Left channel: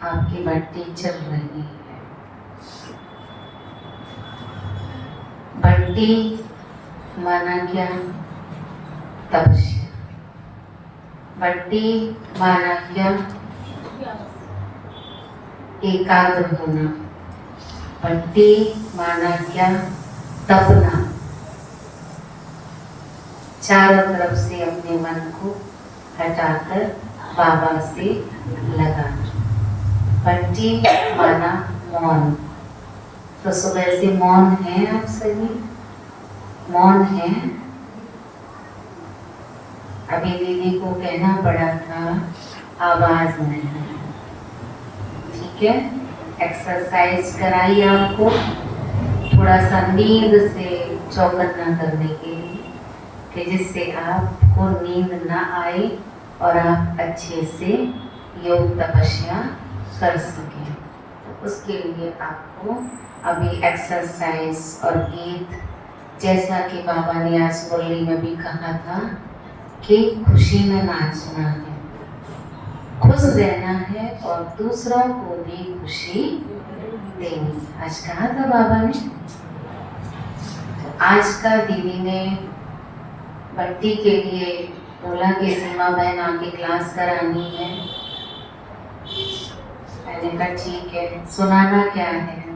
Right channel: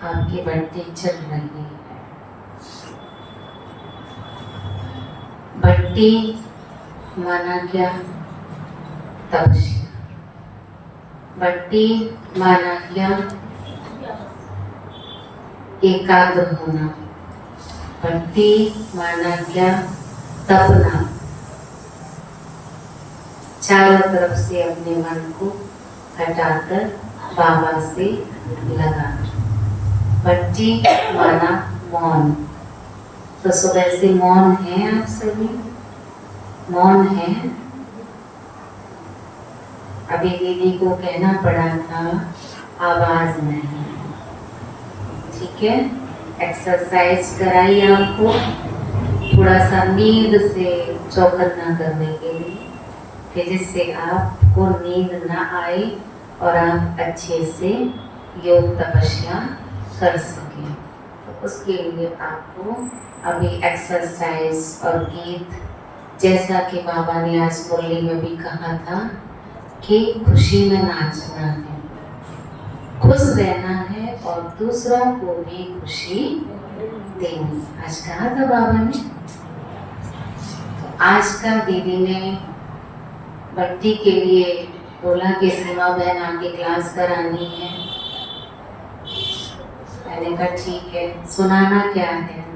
आपकी भट्टी चल रही है। भट्टी माना क्या? तपस्या। भट्टी माना क्या? एकाग्र होना। भट्टी माना क्या? तपना। चारों तरफ से अपने मन को हटाकर बाबा से लगाना। भट्टी माना मौन। तो सुबह से मौन है, आप सभी मौन है। अभी दीदी को कहना पड़ा था आवाज नहीं, ठीक है। एक्सरसाइज कराई आपको थोड़ा सा नींद से चौकन्ना करने के लिए, कि जिससे आपको नींद ना आए और आप अच्छे से योग तपस्या कर सकें। तो उसके लिए आपको अभी एक्सरसाइज और गीत, जैसा कि बाबा ने आज मुरली में भी कहा था कि खुशी में नाचना है, खुश रहना है और दूसरों को भी खुशी देनी। आज कहा था बाबा ने। आज का दीदी ने भट्टी के लिए बोला कि सीमा बहन आके क्लास करानी है। मैंने कहा ठीक है। सुनाना क्या है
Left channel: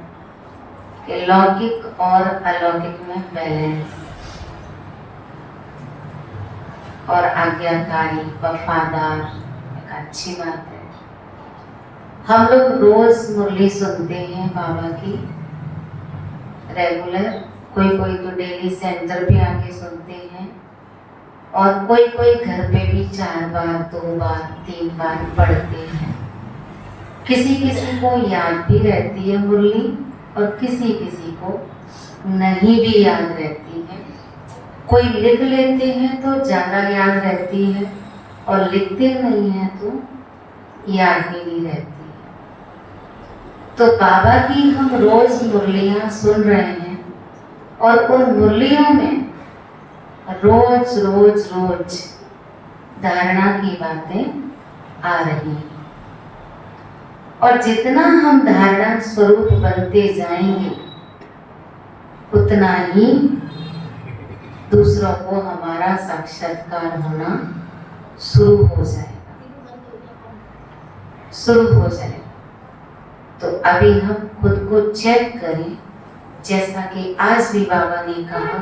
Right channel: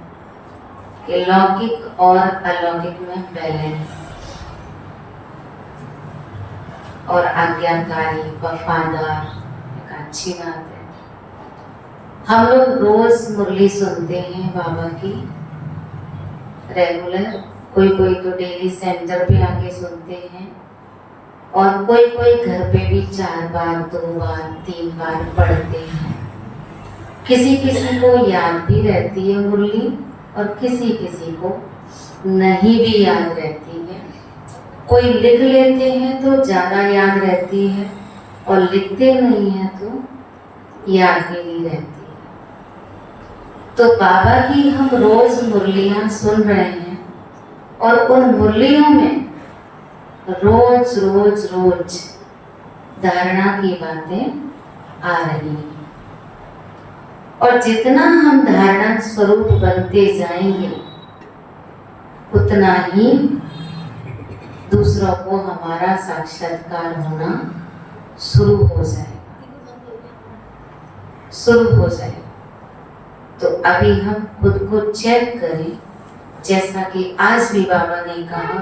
कि लौकिक और अलौकिक में बैलेंस और आज्ञाकारी वफादार एक अच्छी बात है। हम लोग रोज मुरली सुनते हैं बाबा की रेगुलर, कोई कोई तो डेली सेंटर पे आके सुनते हैं और कोई कोई घर पे भी 4 बार 2 बार 3 बार पढ़ते हैं। किसी किसी को याद भी रहती है मुरली और किसी किसी को नहीं भी याद रहती है। कोई लिख लेते हैं तो ज़्यादा याद रहती है और लिखते नहीं हैं तो याद ही नहीं रहती है। तो बाबा की हम रोज मुरलियाँ सुन रहे हैं और उन मुरलियों में रोज रोज रोज धारणा की बातें आ रही हैं। और जितना हम धारणा स्वरूप बनते जाएंगे उतना ही दूसरों को हमारा साक्षात्कार होना शुरू हो जाएगा। तो अभी हम खुद को चेक करें, जैसा कि आज भी बाबा ने कहा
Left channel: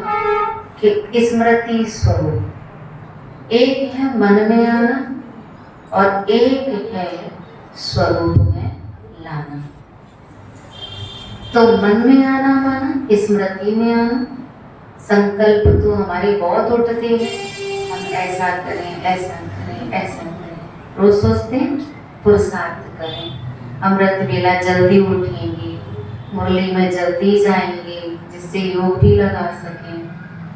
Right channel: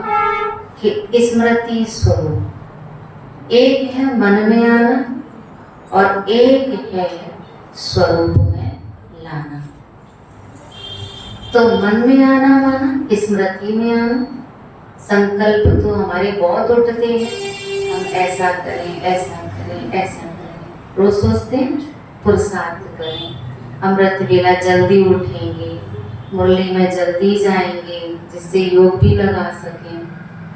कि स्मृति स्वरूप एक है मन में आना और एक है स्वरूप में लाना। तो मन में आना माना स्मृति में आना। संकल्प तो हमारे बहुत उठते हैं, हम ऐसा करें ऐसा करें ऐसा करें। रोज सोचते हैं पुरुषार्थ करें, अमृत वेला जल्दी उठेंगे, मुरली में जल्दी जाएंगे जिससे योग भी लगा सकें,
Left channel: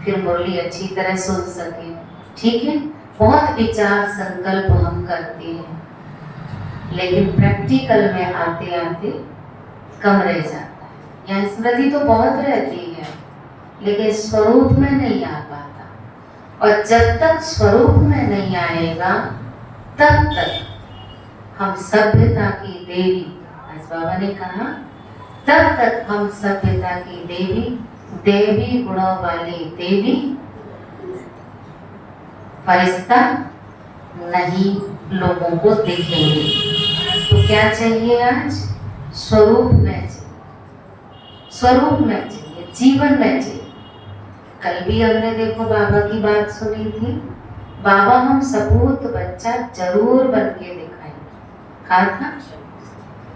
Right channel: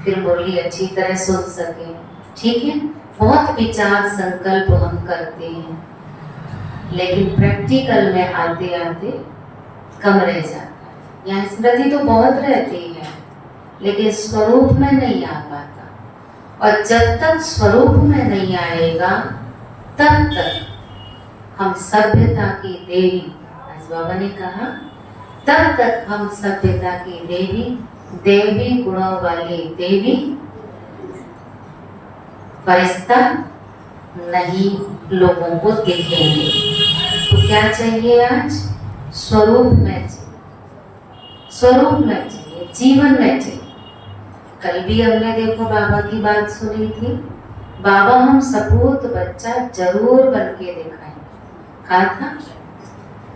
फिर मुरली अच्छी तरह सुन सकें। ठीक है, बहुत विचार संकल्प हम करते हैं, लेकिन प्रैक्टिकल में आते आते कम रह जाता है। यहाँ स्मृति तो बहुत रहती है लेकिन स्वरूप में नहीं आ पाता। और जब तक स्वरूप में नहीं आएगा तब तक हम सभ्यता की देवी, आज बाबा ने कहा, तब तक हम सभ्यता की देवी, देवी गुणों वाली देवी फरिश्ता नहीं लोगों को देखेंगे। तो क्या चाहिए आज? स्वरूप में चाहिए, स्वरूप में चाहिए, जीवन में चाहिए। कल भी हमने देखो बाबा की बात सुनी थी, बाबा हम सपूत बच्चा जरूर बन के दिखाएंगे। कहा था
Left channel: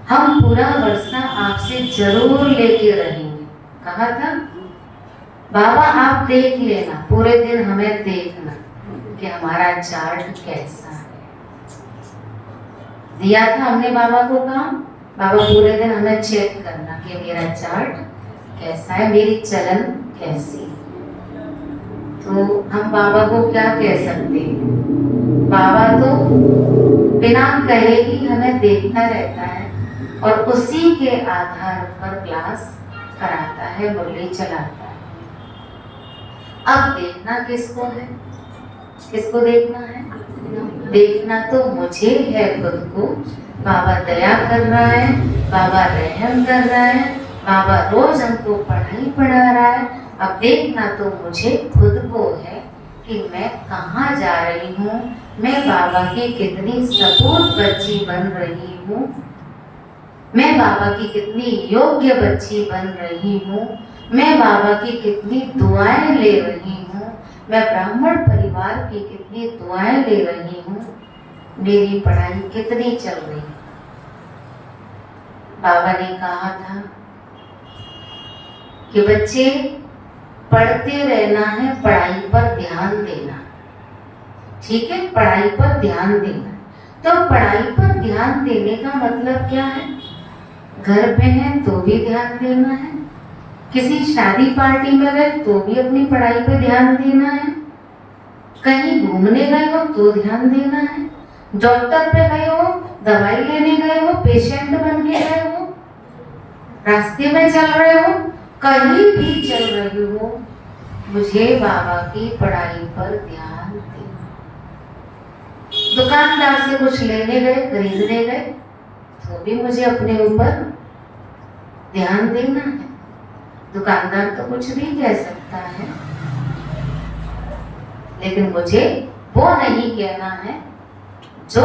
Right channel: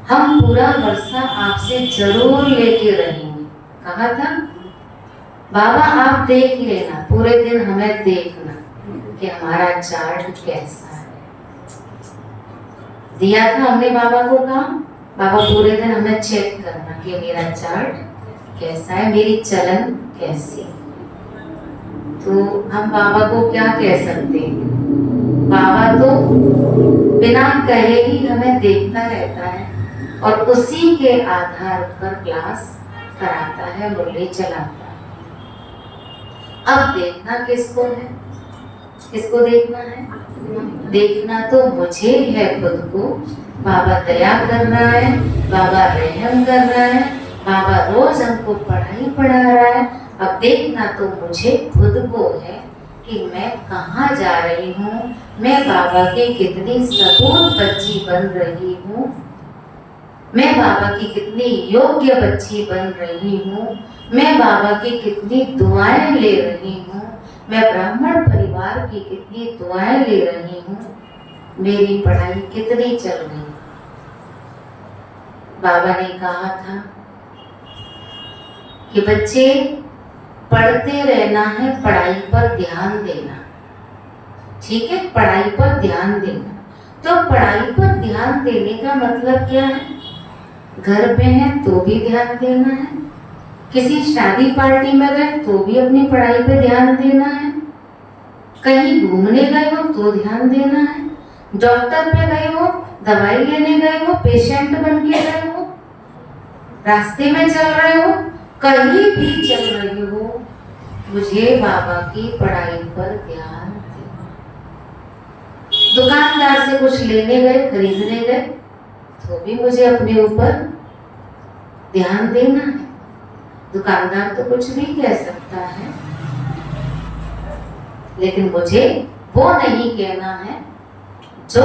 हम पूरा वर्षा आपसे जरूर लेके रहेंगे। कहा था बाबा आप देख लेना, पूरे दिन हमें देखना कि हमारा चार्ट कैसा है। दिया था हमने बाबा को काम, बाबा पूरे दिन हमें चेक करना कि मेरा चार्ट कैसा है, मेरी चलन कैसी है। तो हम बाबा को क्या कह सकते हैं? बाबा तो बिना कहे ही हमें देखता रहता है और उसी के आधार पर क्लास कराता है, मुरली चलाता है। अब देखना किसको है? किसको देखना है? देखना तो मुझे है खुद को बाबा दया कर रहा है, बाबा रहम कर रहा है, बाबा रोज हमको पढ़ाई पढ़ा रहा है। अब देखना तो मुझे खुद को है कि मैं कहाँ जा रही हूँ, मैं बाबा की कितनी सपूत बच्ची बन रही हूँ, मैं बाबा की कितनी योग्य बच्ची बन रही हूँ, मैं बाबा की कितनी दुआएं ले रही हूँ, मैं ब्राह्मण परिवार की कितनी दुआएं ले रही हूँ, मेरी पढ़ाई कितनी चल रही है। बाबा ने कहा था कि बच्चे पढ़ते रहना है, पढ़ाई पर ध्यान देना, ठीक है, पढ़ाई पर ध्यान देना। तो पढ़ाई पर ध्यान देने का मतलब क्या है? घर पे है तो भी ध्यान देना है, किसी शादी पार्टी में गए तो भी अपनी पढ़ाई पे ध्यान देना है, कहीं घूमने गए हो तो ध्यान देना है, डॉक्टर पे गए हो, दवाई लेने गए हो, पेशेंट बन के गए हो, रास्ते में चल रहे हो, कहीं भी चल रहे हो, मुझे बाबा की पढ़ाई पर ध्यान देना। दुकानदार से कुछ लेने गए, खरीदने गए तो भी मुझे अपने ऊपर ध्यान देना है। दुकानदार तो कुछ भी कह सकता है, लेकिन मुझे वो नहीं कहना है जो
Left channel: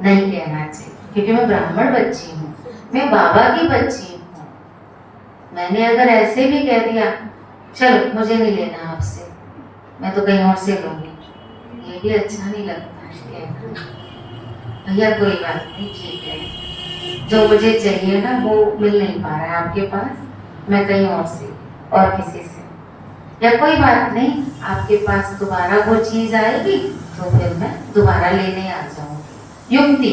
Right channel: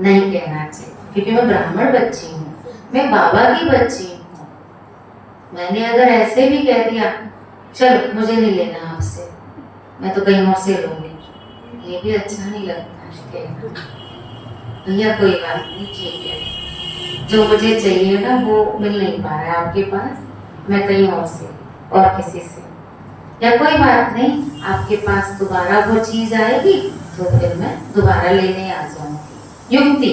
नहीं कहना चाहिए, क्योंकि मैं ब्राह्मण बच्ची हूँ, मैं बाबा की बच्ची हूँ। मैंने अगर ऐसे भी कह दिया चल मुझे नहीं लेना आपसे, मैं तो कहीं और से लूंगी, ये भी अच्छा नहीं लगता है। भैया कोई बात नहीं, ठीक है, जो मुझे चाहिए ना वो मिल नहीं पा रहा है आपके पास, मैं कहीं और से और किसी से, या कोई बात नहीं, आपके पास दोबारा वो चीज आएगी तो फिर मैं दोबारा लेने आ जाऊंगी, युक्ति।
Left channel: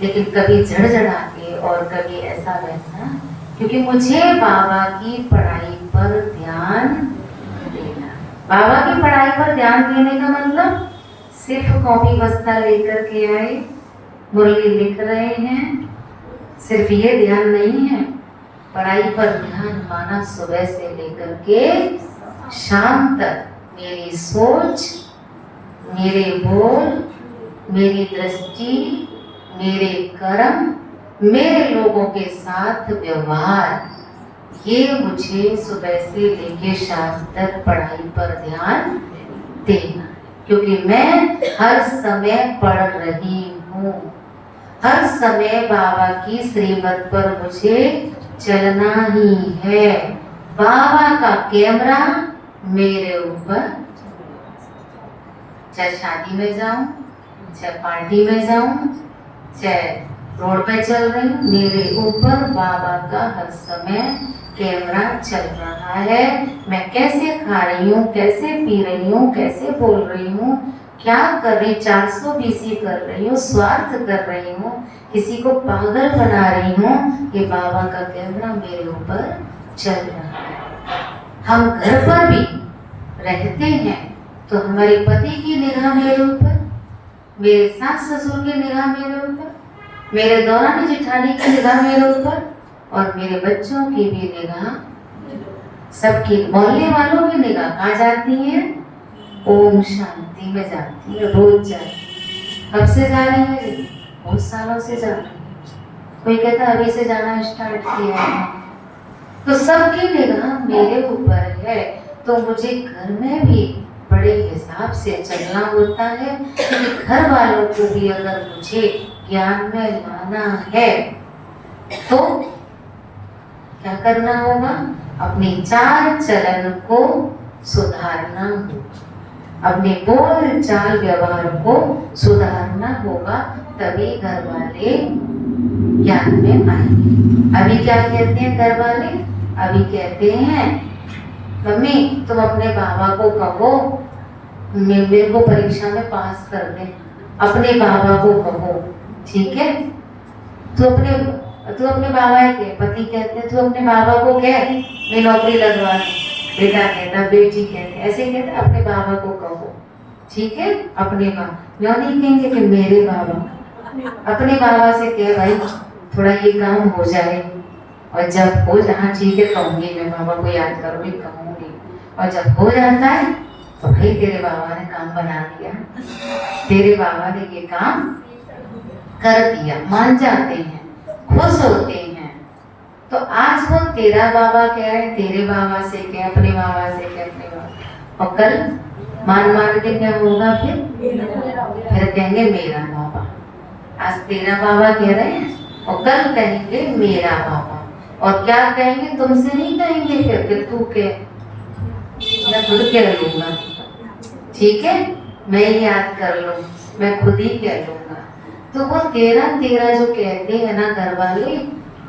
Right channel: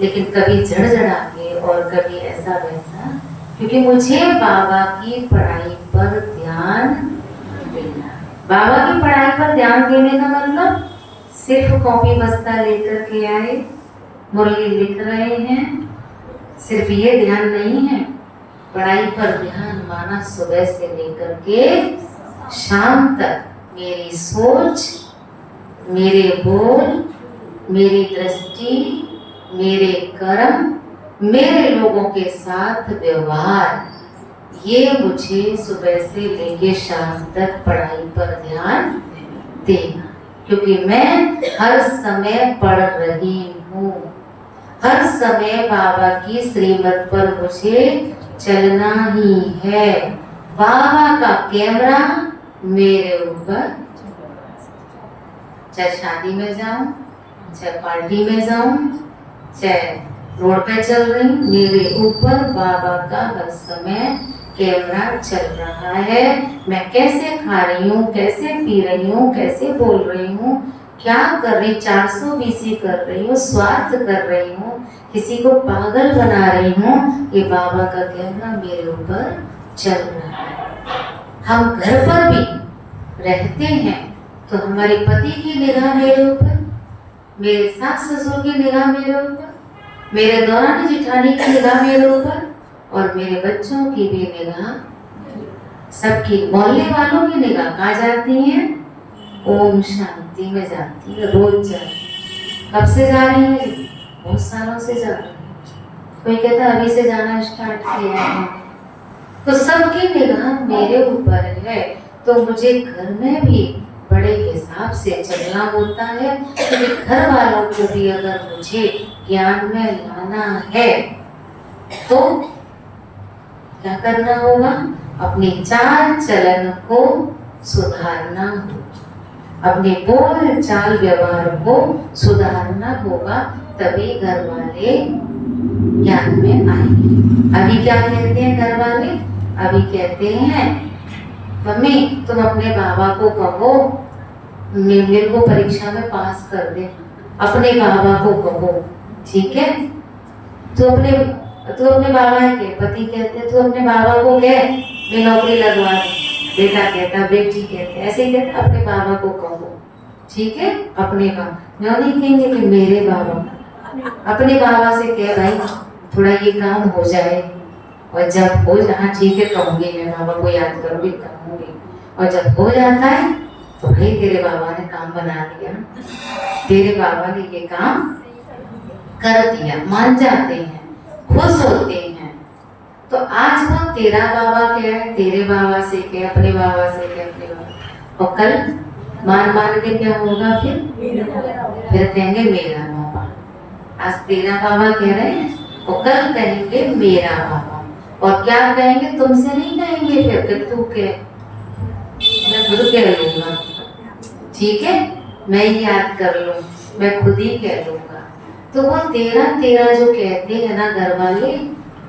लेकिन कभी झड़झड़ा के और कभी ऐसा वैसा, क्योंकि मुझे बाबा की पढ़ाई पर ध्यान देना। बाबा की पढ़ाई पर ध्यान देने का मतलब सिर्फ कॉपी बस्ता लेकर के आए, मुरली लिख रहे हैं, सिर्फ ये ध्यान नहीं है। पढ़ाई पर ध्यान माना सुबह से लेकर के शाम तक मेरी सोच, मेरे बोल, मेरी दृष्टि, मेरे कर्म, मेरे लोगों के साथ व्यवहार, ये मुझे सुबह से लेके शाम तक पढ़ाई पर ध्यान देना, क्योंकि मैं हर समय पढ़ रही हूँ, हर समय बाबा की श्रीमत पर मुझे चलना ही है। बाबा का कैमरा मेरे ऊपर, चाहे शादी में जाऊं, चाहे पार्टी में जाऊं, चाहे रोड पे चल रही, मेरे ऊपर बाबा का हर समय कैमरा चल रहा है। मैं कैसे खा रही हूँ, कैसे पी रही हूँ, कैसे बोल रही हूँ, क्या कर रही, 420 कर रही हूँ, स्वार्थ कर रही हूँ, किसी को पागल बना रही हूँ, ये बाबा का कैमरा मेरे ऊपर चल रहा है। हम घर पर भी रहते हैं तो हमारे पति की निगाह मेरे ऊपर, मेरे सास ससुर की निगाह मेरे ऊपर, मेरे दौरान जिठानी की निगाह मेरे ऊपर, और मेरे बच्चों की भी निगाह, सबकी, मोहल्ले वालों की निगाह कहाँ जाती है? ओम शांति में जाती है, रोज जाती। कब से जा रही है? बहुत सालों से जा रही है। कोई कहता अभी से जाना स्टार्ट किया है। तो सबकी निगाह मेरे ऊपर है, तो मुझे घर में भी बड़े हिसाब से चलना होता है, क्योंकि घर वालों को भी अगर मुझे ज्ञान में लाना है तो क्या करना होगा? अपने चाल चलन को सुधारना होगा, अपने बोल चाल व्यवहार को सुधारना होगा, तभी घर वाले ज्ञान में आएंगे। अभी क्या कहते हैं घर वाले? अभी कहते हैं मम्मी तुम अपने बाबा को कहो मेरे को परीक्षा में पास कर दे, अपने बाबा को कहो, ठीक है? तो अपने बाबा के पति कहते तो अपने बाबा को कह मैं नौकरी लगवा दूं, बेटा कहता, बेटी कहते, ऐसे ही कहते अपने बाबा को कहो, ठीक है? अपने बाबा, मैं नहीं कहेंगे कि मेरे बाबा, अपने बाबा से कह भाई थोड़ा ये काम हो जाए, और जब हो जाना, ठीक है कहूंगी, मैं बाबा को याद करूंगी, कहूंगी, और जब हो जाता है तो भाई तेरे बाबा ने काम बना दिया, तेरे बाबा ने ये काम कर दिया, मान जाते हैं, खुश होते हैं। तो आज वो तेरा बाबा कह रहे हैं, तेरे बाबा से कह, अपने बाबा से कह, अपने बाबा, और कल मान के क्या होगा? फिर कहेंगे मेरा बाबा। आज तेरा बाबा कह रहे हैं और कल कहेंगे मेरा बाबा। और क्या कहेंगे? तुमसे नहीं कहेंगे, फिर तू कह, मैं खुद कह लूंगा, ठीक है, मैं याद कर लूँ, मैं खुद ही कह लूंगा। तो वो तेरा तेरा जो कहते हैं ना घर वाले,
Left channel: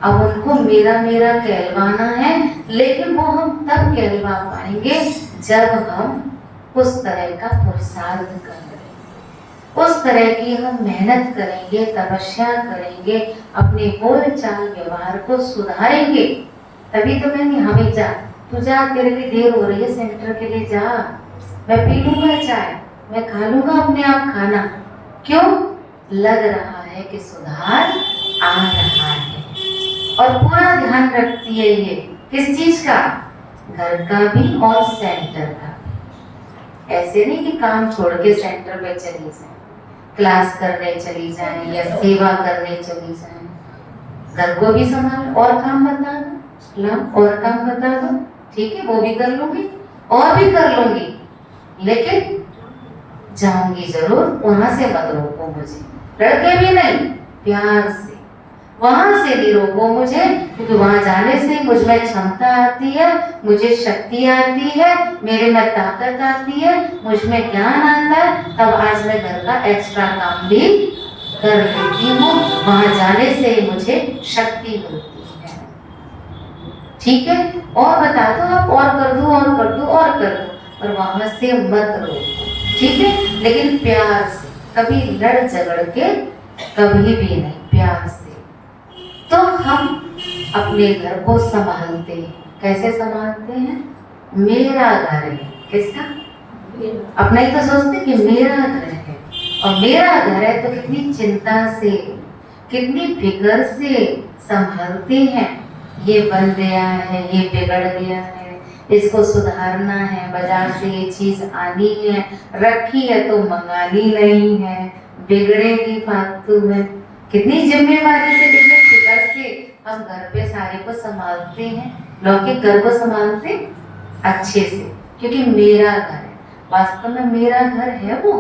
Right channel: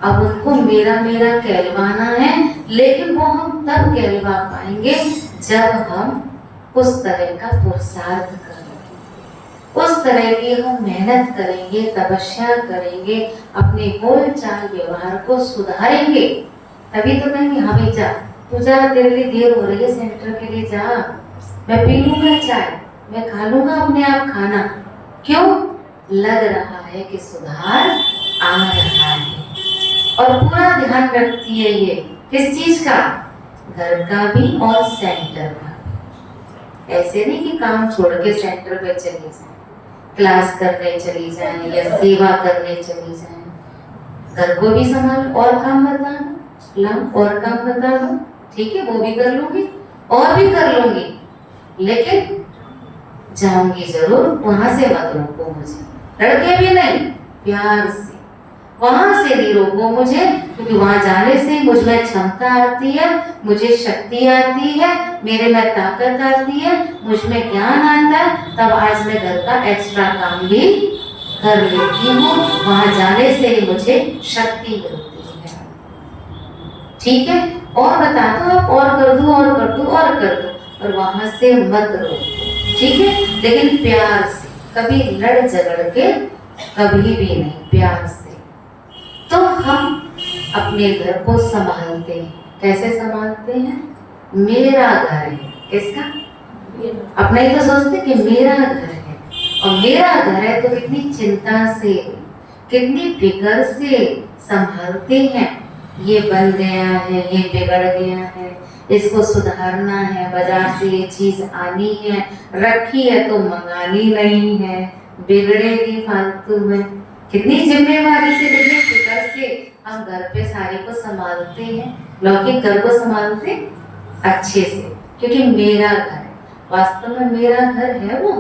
अब उनको मेरा मेरा कहलवाना है, लेकिन वो हम तब कहलवा पाएंगे जब हम उस तरह का पुरुषार्थ करेंगे, उस तरह की हम मेहनत करेंगे, तपस्या करेंगे, अपने बोल चाल व्यवहार को सुधारेंगे। तभी तो कहेंगे हमें जा, तू जा, तेरे लिए देर हो रही है, सेंटर के लिए जा, मैं पी लूंगा चाय, मैं खा लूंगा अपने आप खाना। क्यों? लग रहा है कि सुधार आ रहा है। और पूरा ध्यान रखती है ये, किस चीज का? घर का भी और सेंटर का भी। ऐसे नहीं कि काम छोड़ के सेंटर पे चली जाए, क्लास करने चली जाए या सेवा करने चली जाए। घर को भी संभाल, और काम बता दो, और काम बता दो, ठीक है, वो भी कर लूंगी और भी कर लूंगी, लेकिन जाऊंगी जरूर, वहां से मत रोको मुझे, लड़के भी नहीं, प्यार से वहां से नहीं रोको मुझे, क्योंकि वहां जाने से मुझ में क्षमता आती है, मुझे शक्ति आती है, मेरे में ताकत आती है, मुझ में ज्ञान आता है, तब आज मैं घर का एक्स्ट्रा काम भी कर लेती हूँ। वहां जाने से मुझे शक्ति मिलती है, ठीक है। और बता दो आप, और कर दो, और कर दो, और कर दो, और वहां से मत रोको, ठीक है, लेकिन प्यार से, कभी लड़ झगड़ के कभी भी नहीं, प्यार से। तो हम अपने घर को संभालते हैं, कैसे संभालते हैं? मेरा घर है, किसका? अपना ही तो सोचते कि मेरा घर है, और मेरा घर है तो कितनी चिंता से, कितनी फिक्र से संभालते हैं। ये बन गया है, ये बिगड़ गया है, इसको सुधारना है, बाजार से ये चीज आनी है, रखी है तो मंगानी नहीं है, बिगड़ेगी फालतू में। कितनी जिम्मेवारी से, कितनी फिक्र से हम घर पे सारे को संभालते हैं, लौकिक घर को संभालते अच्छे से, क्योंकि मेरा घर है। वास्तव में मेरा घर है वो,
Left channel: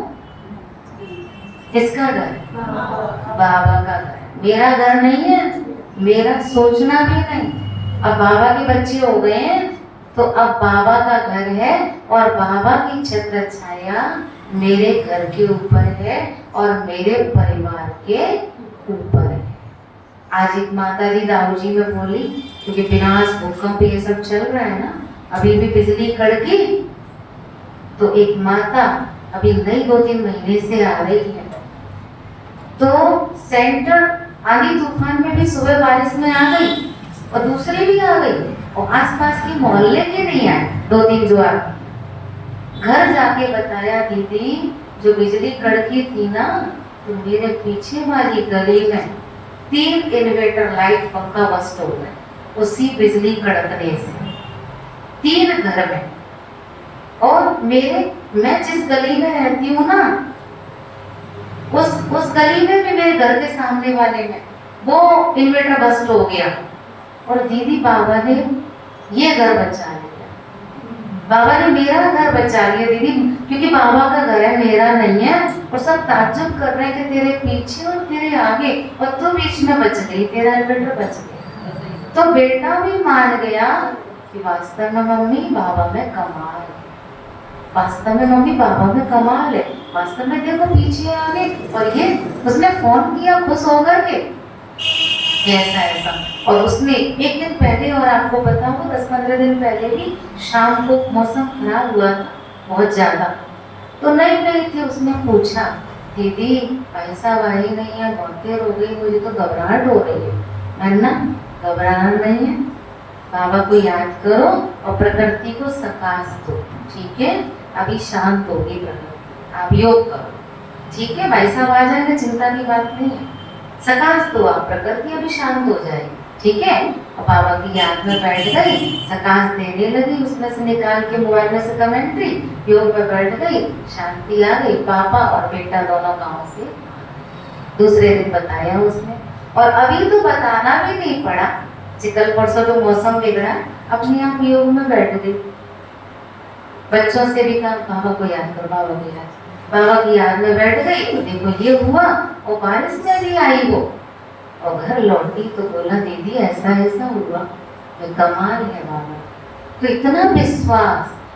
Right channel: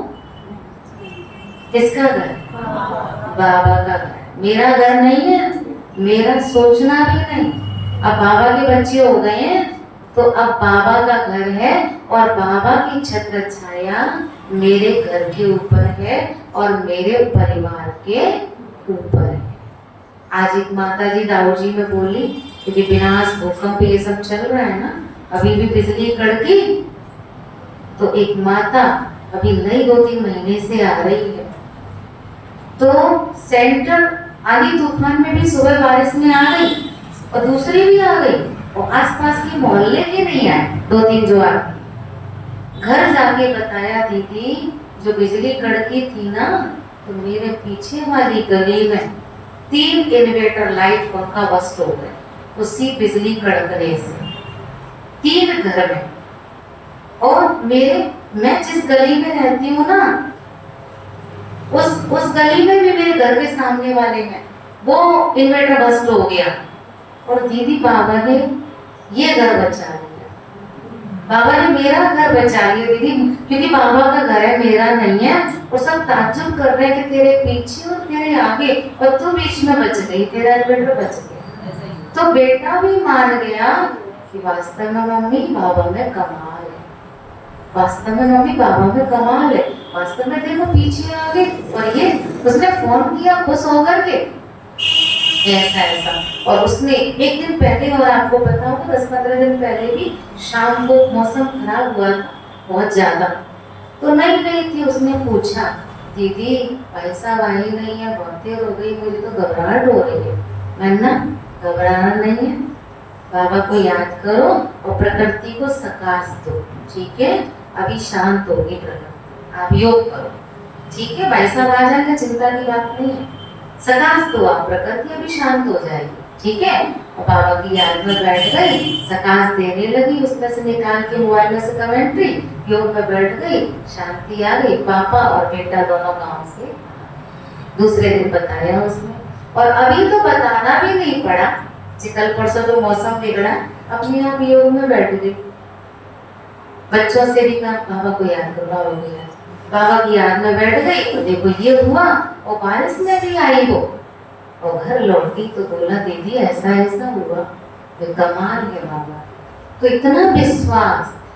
किसका घर? बाबा का घर। मेरा घर नहीं है, मेरा सोचना भी नहीं। अब बाबा के बच्चे हो गए हैं, तो अब बाबा का घर है, और बाबा की छत्र छाया मेरे घर के ऊपर है और मेरे परिवार के ऊपर है। आज एक माता जी दाऊ जी में बोली, क्योंकि विनाश भूकंप ये सब चल रहा है ना, अभी भी बिजली कड़की, तो एक माता अभी नई 2-3 महीने से आ रही है, तो सेंटर आंधी तूफान में भी सुबह बारिश में आ गई, और दूसरी भी आ गई, और आसपास के मोहल्ले भी नहीं आए, 2-3 जो आ घर जाके बताया, दीदी जो बिजली कड़की थी ना, तो मेरे पीछे वाली गली में 3 इन्वर्टर लाइट पंखा बस्ट हो गए उसी बिजली कड़कने से, 3 घर में। और मैं जिस गली में रहती हूँ ना, उस गली में भी, मेरे घर के सामने वाले में वो इन्वर्टर बस्ट हो गया, और दीदी बाबा ने ये घर बचा लिया, बाबा ने मेरा घर बचा लिया दीदी, क्योंकि बाबा का घर है, मेरा नहीं है। और सब ताज्जुब कर रहे हैं कि तेरे पीछे और तेरे आगे, और तू बीच में बच गई, तेरा इन्वर्टर बच गया। तो बेटा भी मान गया कि वास्तव में मम्मी बाबा में कमाल है, वास्तव में मम्मी बाबा में कमाल है, वास्तव में देखो पीछे आगे। और ये उसने फोन किया खुश होकर के, ऐसा। और उसने एक दिन पहले, और आपको पता होगा 10-15 दिन पहले भी शाम को मौसम खराब हुआ था बहुत ज्यादा, तो नहीं गई थी। उसने पूछा, दीदी भाई साहब आई नहीं है, बहुत देर हो गई, मुझे तो घबराहट हो रही है। मैंने घबराना नहीं है, बाबा को याद करो और प्रकृति को सकाश दो, ठीक है, अभी शांत होगी प्रकृति, आप योग करो, ठीक है, भाई साहब आ जाएंगे, चिंता की बात नहीं है, सकाश दो आप, प्रकृति अभी शांत हो जाएगी, ठीक है। और बाबा की याद में बैठ गई, सकाश देने लगी, उसमें से निकाल के मोबाइल में से कमेंट्री, योग में बैठ गई, शांति आ गई। पापा और बेटा दोनों गांव से, दूसरे दिन बताया उसने, और अभी तो बताना भी नहीं पड़ा कि कल परसों तो मौसम बिगड़ा, अपने आप योग में बैठ गई। बच्चों से भी कहा बाबा को याद करो, बाबा को याद, बाबा की याद में बैठ गई तो देखो ये हुआ, और बारिश में नहीं आई वो, और घर लौटी तो बोला दीदी ऐसा ऐसा हुआ। तो कमाल है बाबा, तो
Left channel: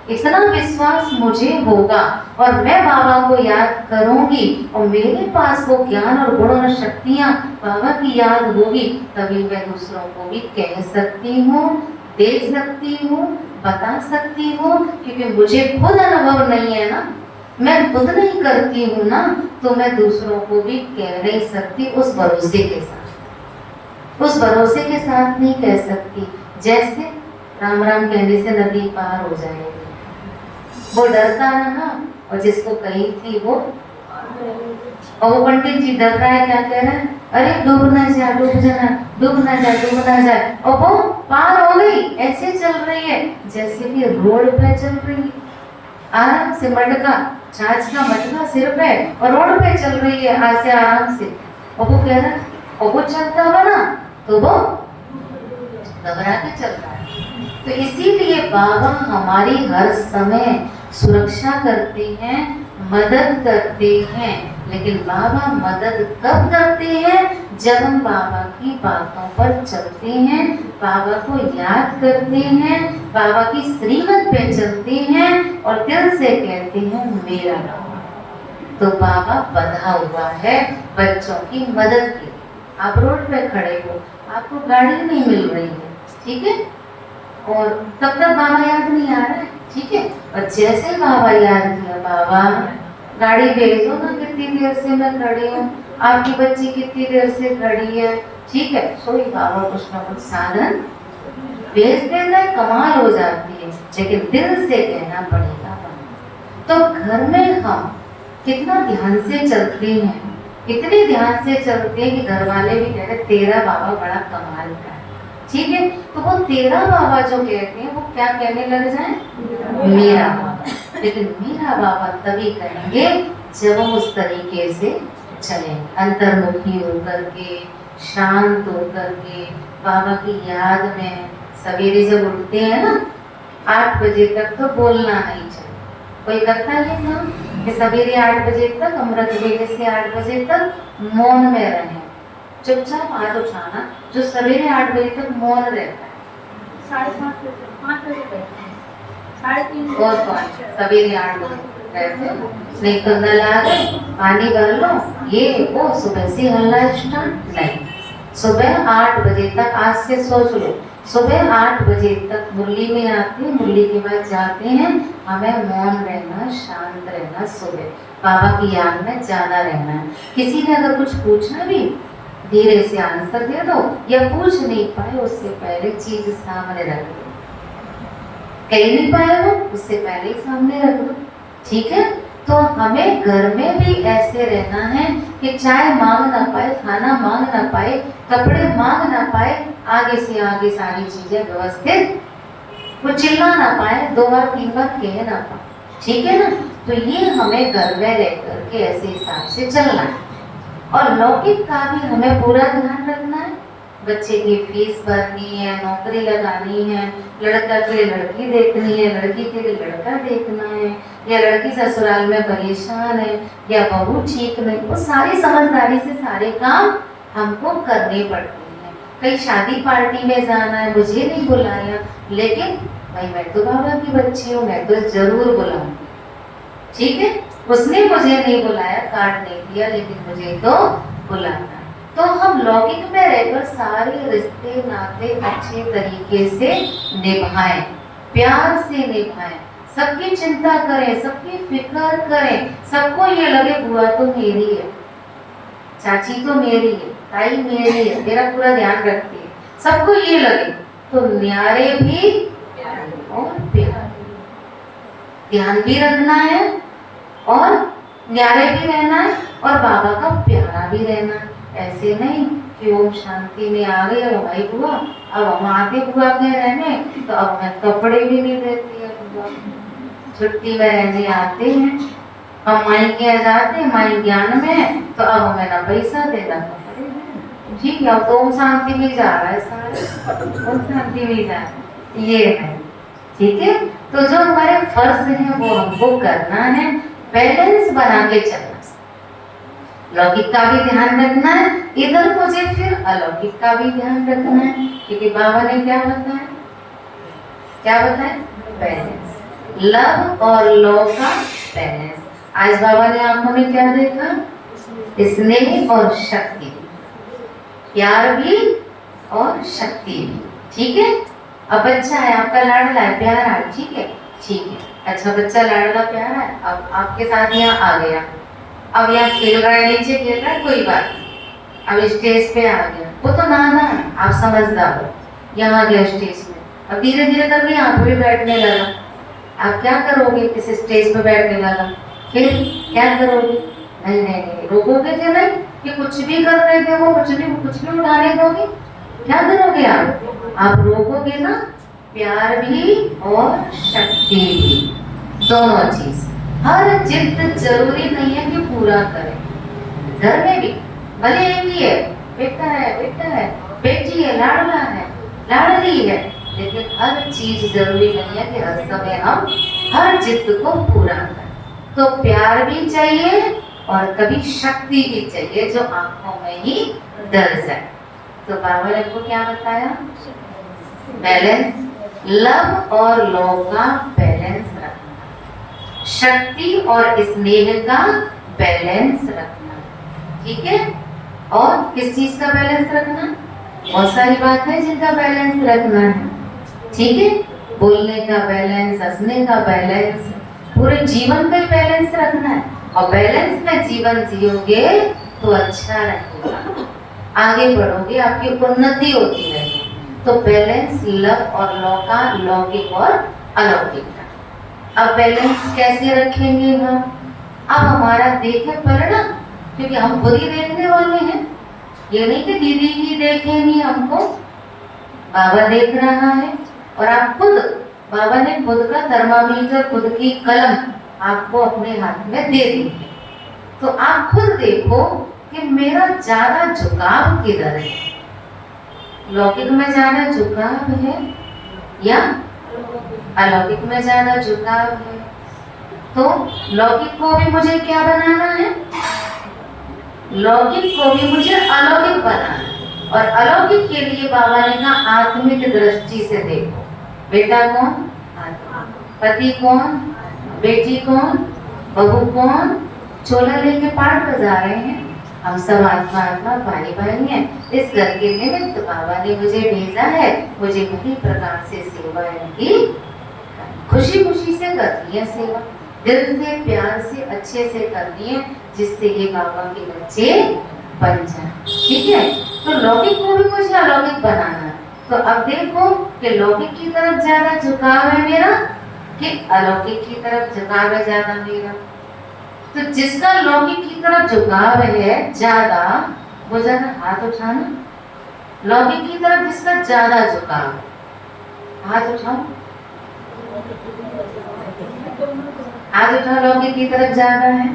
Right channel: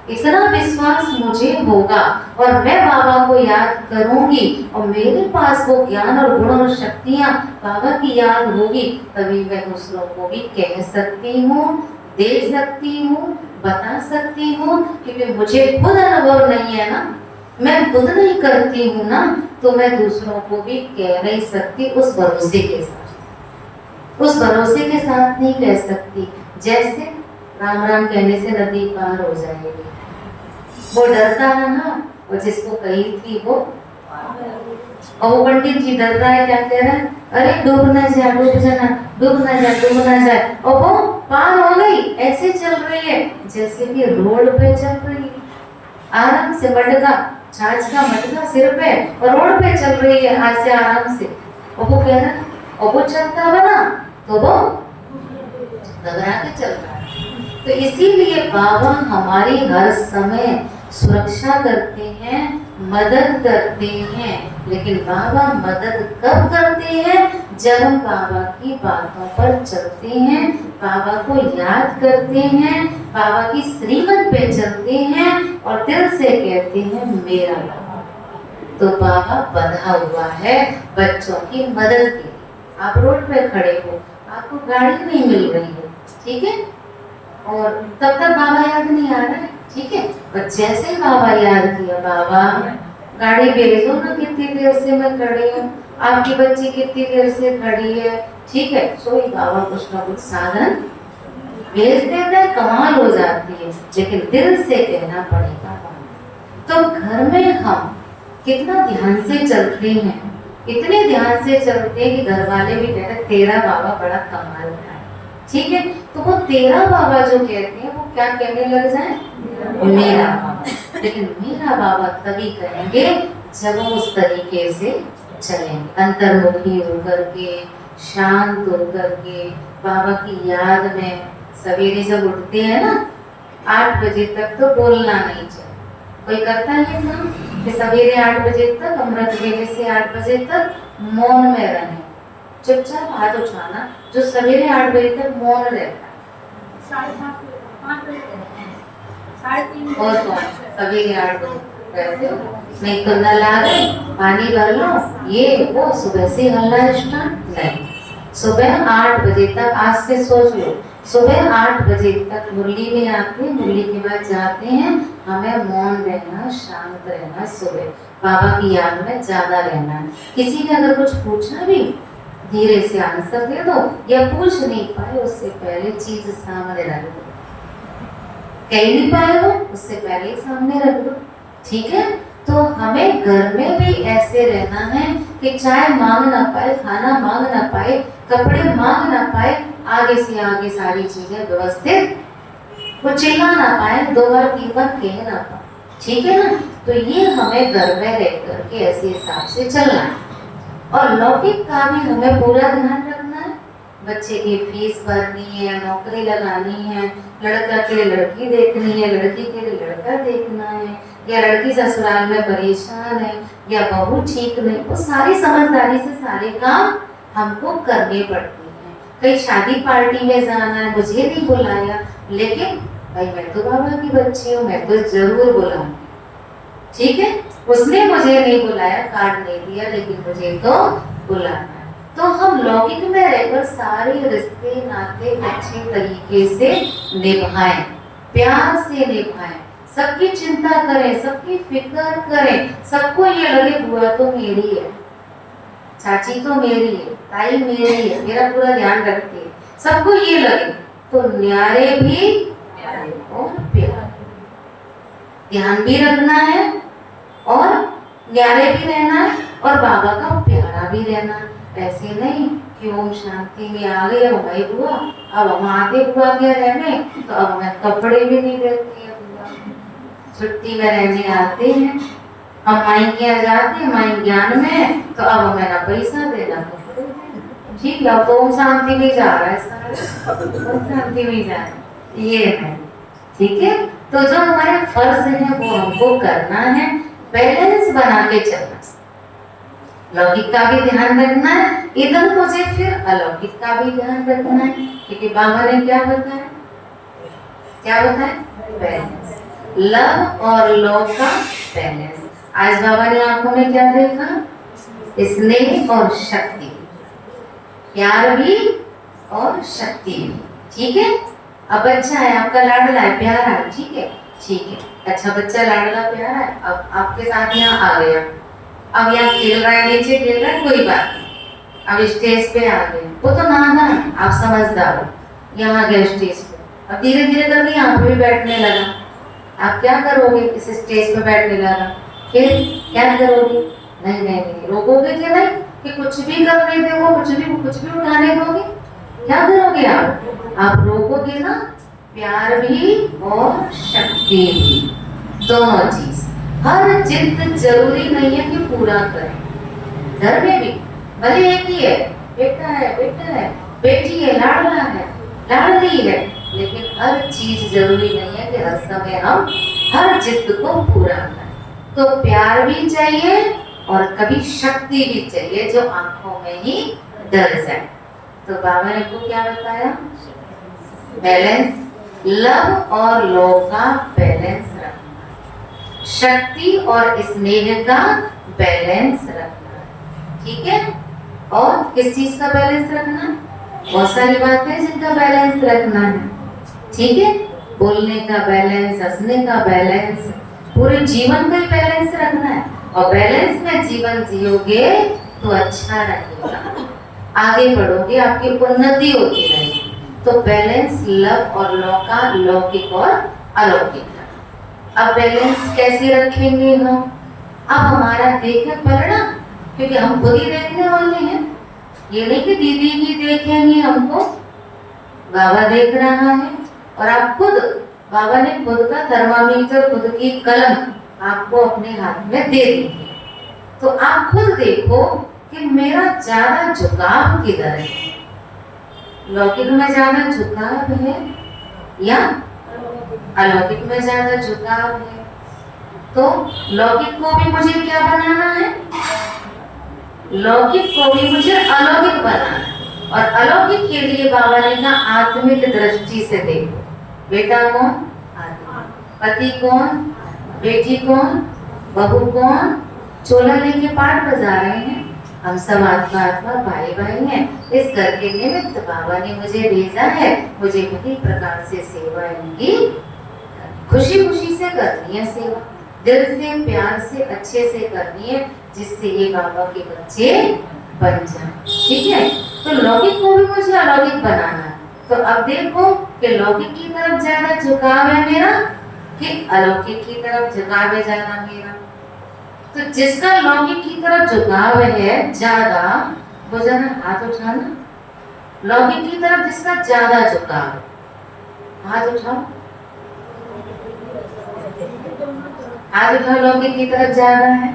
इतना विश्वास मुझे होगा और मैं बाबा को याद करूंगी और मेरे पास वो ज्ञान और गुण और शक्तियां बाबा की याद होगी, तभी मैं दूसरों को भी कह सकती हूँ, दे सकती हूँ, बता सकती हूँ। क्योंकि मुझे खुद अनुभव नहीं है ना, मैं खुद नहीं करती हूँ ना, तो मैं दूसरों को भी कह नहीं सकती उस भरोसे के साथ, उस भरोसे के साथ नहीं कह सकती। जैसे राम राम कहने से नदी पार हो जाएगी, वो डरता है ना, और जिसको कही थी वो, और वो पंडित जी डर रहा है, क्या कह रहा है, अरे डूब ना जाए, डूब जाना, डूब ना जाए, डूब ना जाए, और वो पार हो गई। ऐसे चल रही है जैसे कि रोड पे चल रही है, आराम से, मटका छाछ का मटका सिर पे और रोड पे चल रही है ऐसे आराम से। और वो कह रहा है, और वो चलता हुआ ना तो वो घबरा के चलता है। तो इसीलिए बाबा हमारी हर समय सुरक्षा करते हैं, मदद करते हैं। लेकिन बाबा मदद कब करते हैं? जब हम बाबा की बातों पर चलते हैं, बाबा को याद करते हैं, बाबा की श्रीमत पे चलते हैं और दिल से कहते हैं मेरा बाबा। तो बाबा बंधा हुआ है बच्चों की मदद के लिए। आप रोड पे खड़े हो, आपको गाड़ी नहीं मिल रही है, ठीक है, और तब तक बाबा याद नहीं आ रहा है, ठीक है, और जैसे बाबा याद किया, बाबा गाड़ी भेजो ना, कितनी देर से मैं खड़ी हूँ, आपकी बच्ची कितनी देर से खड़ी है, ठीक है, सो बाबा कुछ ना कुछ साधन भेज देना है, कमाल हो जाती है। लेकिन दिल से कहना पड़ेगा। तो घर में हम कितना ध्यान से चलते हैं, इतने ध्यान से चलते हैं कि घर वाले भी कहते हैं तेरा बाबा बड़ा कमाल का है, ठीक है। तो वो तेरा बाबा जो कहते हैं वो क्या कहने लग जाए, मेरा बाबा। लेकिन मेरा बाबा तभी कहेंगे जब वो उस तरीके से चलेंगे, अंतर्मुखी होकर के, शांत होकर के, बाबा की याद में। सवेरे जब उठते हैं ना 8 बजे तक तो बोलना नहीं चाहिए। कोई करता है काम कि सवेरे 8 बजे तक, अमृत वेले से 8 बजे तक मौन में रहें, चुपचाप हाथ उठाना। जो सवेरे 8 बजे तक मौन रहता है, 5:30 बजे, 3:30 और सवेरे 8 बजे नहीं तो नल आ गए, पानी भर लो, ये वो सुबह से हल्ला स्टार्ट नहीं। सुबह 8 बजे तक, आज से सोच लो, सुबह 8 बजे तक मुरली में आते हैं, मुरली के बाद जाते हैं, हमें मौन रहना, शांत रहना, सुबह बाबा की याद में ज्यादा रहना है। किसी ने अगर कुछ पूछना भी धीरे से आंसर दे दो, या पूछ नहीं पाए उससे पहले चीज सामने रख दो, कह नहीं पाए वो उससे पहले ही सामने रख दो, ठीक है। तो हमें घर में भी ऐसे रहना है कि चाय मांग ना पाए, खाना मांग ना पाए, कपड़े मांग ना पाए, आगे से आगे सारी चीजें व्यवस्थित, वो चिल्ला ना पाए, 2 बार 3 बार कह ना पाए, ठीक है ना। तो ये हमें घर में रह करके ऐसे हिसाब से चलना है। और लौकिक का भी हमें पूरा ध्यान रखना है। बच्चे की फीस भरनी है, नौकरी लगानी है, लड़का के लिए लड़की देखनी है, लड़की के लिए लड़का देखना है, या लड़की ससुराल में परेशान है, या बहू ठीक नहीं, वो सारी समझदारी से सारे काम हमको करने पड़ते हैं। कहीं शादी पार्टी में जाना है, मुझे नहीं बुलाया, लेकिन भाई मैं तो बाबा की बच्ची हूँ, मैं तो जरूर बुलाऊंगी, ठीक है। उसने मुझे नहीं बुलाया, कार्ड नहीं दिया, लेकिन मुझे तो बुलाना है। तो हम लौकिक में रहकर सारे रिश्ते नाते अच्छे तरीके से निभाएं, प्यार से निभाएं, सबकी चिंता करें, सबकी फिक्र करें, सबको ये लगे बुआ तो मेरी है, चाची तो मेरी है, ताई मेरी है, मेरा पूरा ध्यान रखती है, सबको ये लगे। तो न्यारे भी और प्यारे, ध्यान भी रखना है और न्यारे भी रहना है और बाबा का प्यारा भी रहना है। ऐसे नहीं कि ओम शांति में आ गए, भाई बुआ अब हम आते बुआ के रहने, तो अब हमें कपड़े भी नहीं देती है बुआ, छुट्टी में रहने आते हैं हम, माई के जाते हैं, माई ज्ञान में, तो अब हमें ना पैसा देना ठीक है। अब तो ओम शांति में जा रहा है सारा, ओम शांति में जा रहा है, ये है ठीक है। तो जो हमारे फर्ज है वो हमको करना है, बैलेंस बना के चलना, लौकिक का भी ध्यान रखना है, इधर मुझे फिर अलौकिक का भी ध्यान रखना है, क्योंकि बाबा ने क्या बताया, क्या बताया, बैलेंस, लव और लॉ का बैलेंस। आज बाबा ने आंखों में क्या देखा, स्नेह और शक्ति, प्यार भी और शक्ति भी, ठीक है। अब बच्चा है आपका, लाडला है, प्यारा है, ठीक है, ठीक है। अच्छा बच्चा लाडला प्यारा है, अब आपके साथ यहाँ आ गया, अब यहाँ खेल रहा है, नीचे खेल रहा है, कोई बात नहीं, अब स्टेज पे आ गया, वो तो नाना है, आप समझदार हो, यहाँ गया स्टेज पे, अब धीरे धीरे करके यहाँ पे बैठने लगा, आप क्या करोगे, इस स्टेज पे बैठने लगा, फिर क्या करोगे, नहीं नहीं नहीं रोकोगे क्या, नहीं कि कुछ भी करने दो, कुछ भी उठाने दोगे, क्या करोगे आप रोकोगे ना, प्यार भी और शक्ति भी, दोनों चीज। हर जिद जरूरी नहीं है कि पूरा करें, घर में भी भले एक ही है, बेटा है, बेटी है, लाडला है, लाडली है, लेकिन हर चीज जरूरी नहीं है कि हर समय हम हर जिद को पूरा करें। तो प्यार भी चाहिए और कभी शक्ति भी चाहिए जो आंखों में ही दर्ज है। तो बाबा ने को क्या बताया, बैलेंस, लव और लॉ का बैलेंस रखना, शक्ति और स्नेह का बैलेंस रखना, ठीक है। और किस चीज का बैलेंस रखना, बहुत सारी बातें हैं जिनका बैलेंस रखना है, ठीक है। बोलने का बैलेंस, हंसने का बैलेंस, पूरे जीवन का बैलेंस रखना है, और बैलेंस में जीवन जियोगे तो अच्छा रहेगा, आगे बढ़ोगे, आपकी उन्नति होती रहेगी। तो बैलेंस, लव और लॉ का, लौकिक और अलौकिक। अब बैलेंस कैसे रखेंगे हम, अब हमारा देखें परिणाम, क्योंकि हम खुद ही देखने वाले हैं, ये नहीं कि दीदी ही देखेंगी हमको, बाबा देख रहा है, और आप खुद, बाबा ने खुद का थर्मामीटर, खुद की कलम आपको अपने हाथ में दे दी, तो आप खुद देखो कि मेरा ज्यादा झुकाव किधर है, लौकिक में ज्यादा झुकाव है या अलौकिक में ज्यादा झुकाव है। तो लौकिक को भी मुझे क्या बनाना है, लौकिक को भी मुझे अलौकिक बनाना है, और अलौकिक के लिए बाबा ने कहा आत्मिक दृष्टि से देखो, बेटा कौन, पति कौन, बेटी कौन, बहू कौन, चोला लेके पाठ बजा रहे हैं, हम सब आत्मा आत्मा भाई भाई हैं, इस घर के निमित्त बाबा ने मुझे भेजा है, मुझे किसी प्रकार से सेवा इनकी खुशी खुशी से करनी है, सेवा दिल से, प्यार से, अच्छे से करनी है, जिससे ये बाबा के बच्चे बन जाए, ठीक है। तो लौकिक को भी मुझे अलौकिक बनाना है। तो अब देखो कि लौकिक की तरफ ज्यादा झुकाव है मेरा कि अलौकिक की तरफ झुकाव है ज्यादा मेरा। तो जिसका लौकिक की तरफ झुकाव है ज्यादा, वो जरा हाथ उठाना, लौकिक की तरफ जिसका ज्यादा झुकाव, हाथ उठाओ, हाथ उठाओ, लौकिक की तरफ ज्यादा है,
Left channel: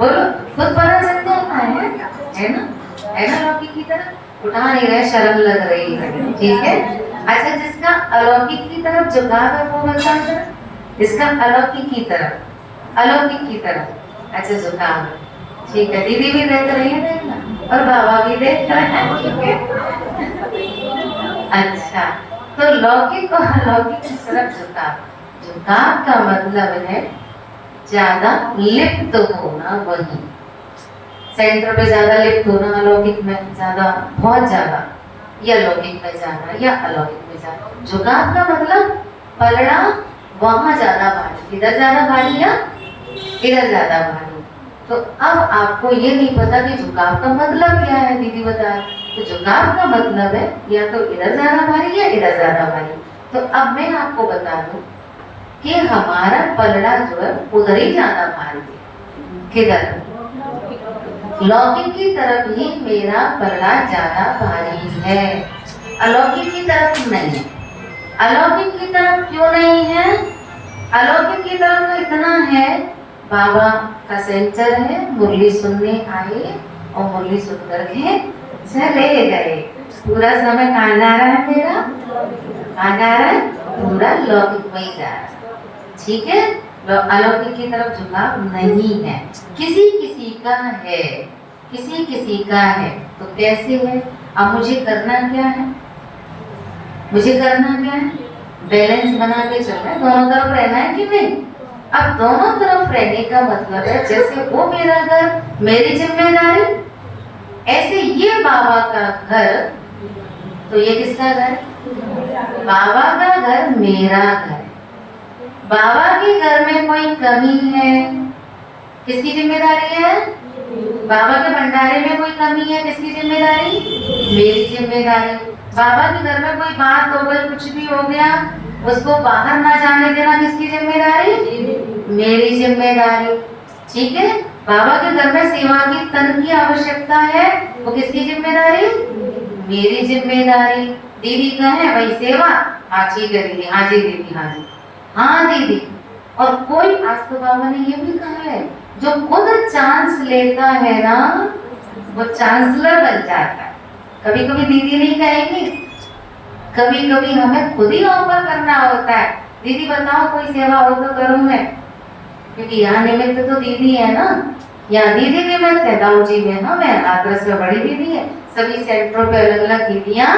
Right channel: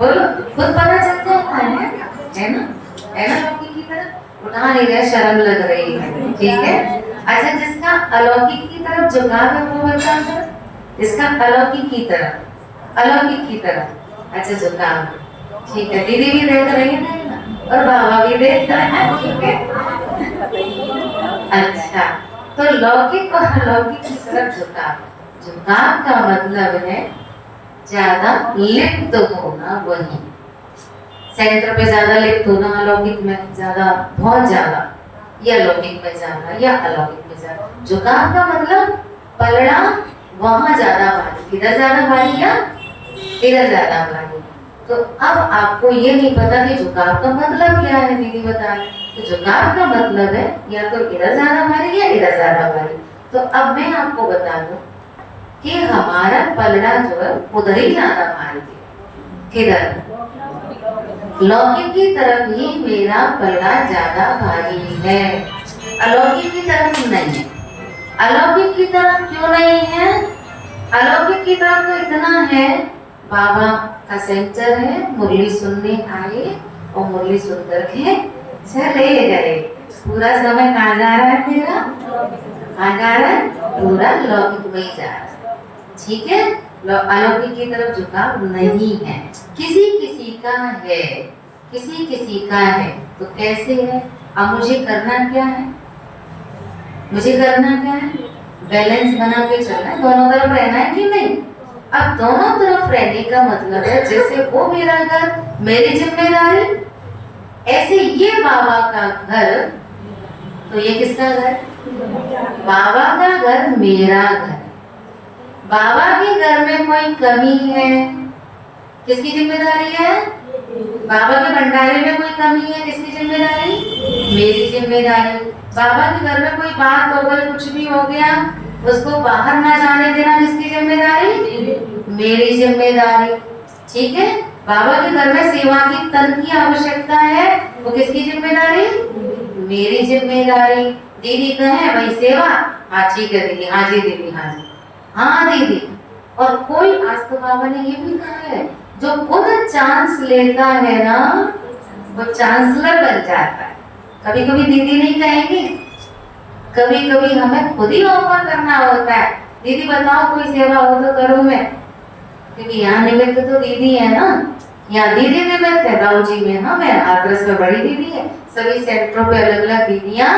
बोलो, खुद पता चल जाता है ना, है ना, लौकिक की तरफ उठा नहीं रहे, शर्म लग रही है, ठीक है। अच्छा जिसका अलौकिक की तरफ झुकाव है वो बताओ जरा, इसका अलौकिक की तरफ, अलौकिक की तरफ, अच्छा झुकाव, ठीक है। दीदी भी देख रही है ना, और बाबा भी देख रहे हैं, ठीक है। अच्छा तो लौकिक और अलौकिक की तरफ झुकाव, झुकाव का मतलब है ज्यादा लिप्त होना, वही सेंटर पे ज्यादा लिप्त होना, अलौकिक में ज्यादा, बहुत ज्यादा, या लौकिक में ज्यादा या अलौकिक में ज्यादा। झुकाव का मतलब पलड़ा वहां ज्यादा भारी, इधर ज्यादा भारी या इधर ज्यादा भारी। तो अब आपको ये नहीं पता कि झुकाव का मतलब क्या है, दीदी बताए। तो झुकाव का मतलब है या तो इधर ज्यादा भारी या इधर ज्यादा भारी। तो अब मैं आपको बता दूं कि हमारा पलड़ा जो है उधर ही ज्यादा भारी है, किधर, लौकिक की तरफ ही मेरा पलड़ा ज्यादा भारी है, अलौकिक की तरफ नहीं। अलौकिक की तरफ क्यों नहीं है, अलौकिक की तरफ तो इतना है, बाबा का सेंटर है, मुरली सुनने आए और मुरली सुनकर के चले गए। पूरा समय कहाँ जा रहा है मेरा? कहाँ जा रहा है? पूरा लौकिक में ही जा रहा है। ठीक है, अलौकिक की तरफ झुकाव नहीं है। किसी किसी का है, किसी किसी का है। तो कैसे है? अब मुझे करना क्या है? मुझे करना क्या है? बैलेंस बना के चलना है, दोनों तरफ रहना है कि नहीं? अब दोनों तरफ रहने का मतलब है जैसे वो मेरा घर, मेरी जिम्मेदारी, ऐसे ये बाबा का घर, तो ये किसका घर? बाबा का घर मेरा घर। बाबा के घर में कोई कमी है, किसकी जिम्मेदारी है? बाबा के भंडारे में कोई कमी है, किसकी जिम्मेदारी? मेरी जिम्मेदारी। बाबा के घर में कोई बात हो गई, कुछ भी हो गया, उसको बाहर ना जाने देना, किसकी जिम्मेदारी? मेरी जिम्मेदारी। ठीक है, बाबा के घर में सेवा की तन की आवश्यकता है, वो किसकी जिम्मेदारी? मेरी जिम्मेदारी। दीदी कहे भाई सेवा, हाँ ठीक है दीदी, हाँ जी दीदी, हाँ जी, हाँ दीदी। और कोई, आज तो बाबा ने ये भी कहा है, जो खुद चांस लेता है ना, वो चांसलर बन जाता है। कभी कभी दीदी नहीं कहेंगी, कभी कभी हमें खुद ही ऑफर करना होता है, दीदी बताओ कोई सेवा हो तो करूं मैं, क्योंकि यहाँ निमित्त तो दीदी है ना, यहाँ दीदी निमित्त है। दाऊ जी में ना, मैं आदर्श में बड़ी दीदी है, सभी सेंटरों पे अलग अलग दीदियाँ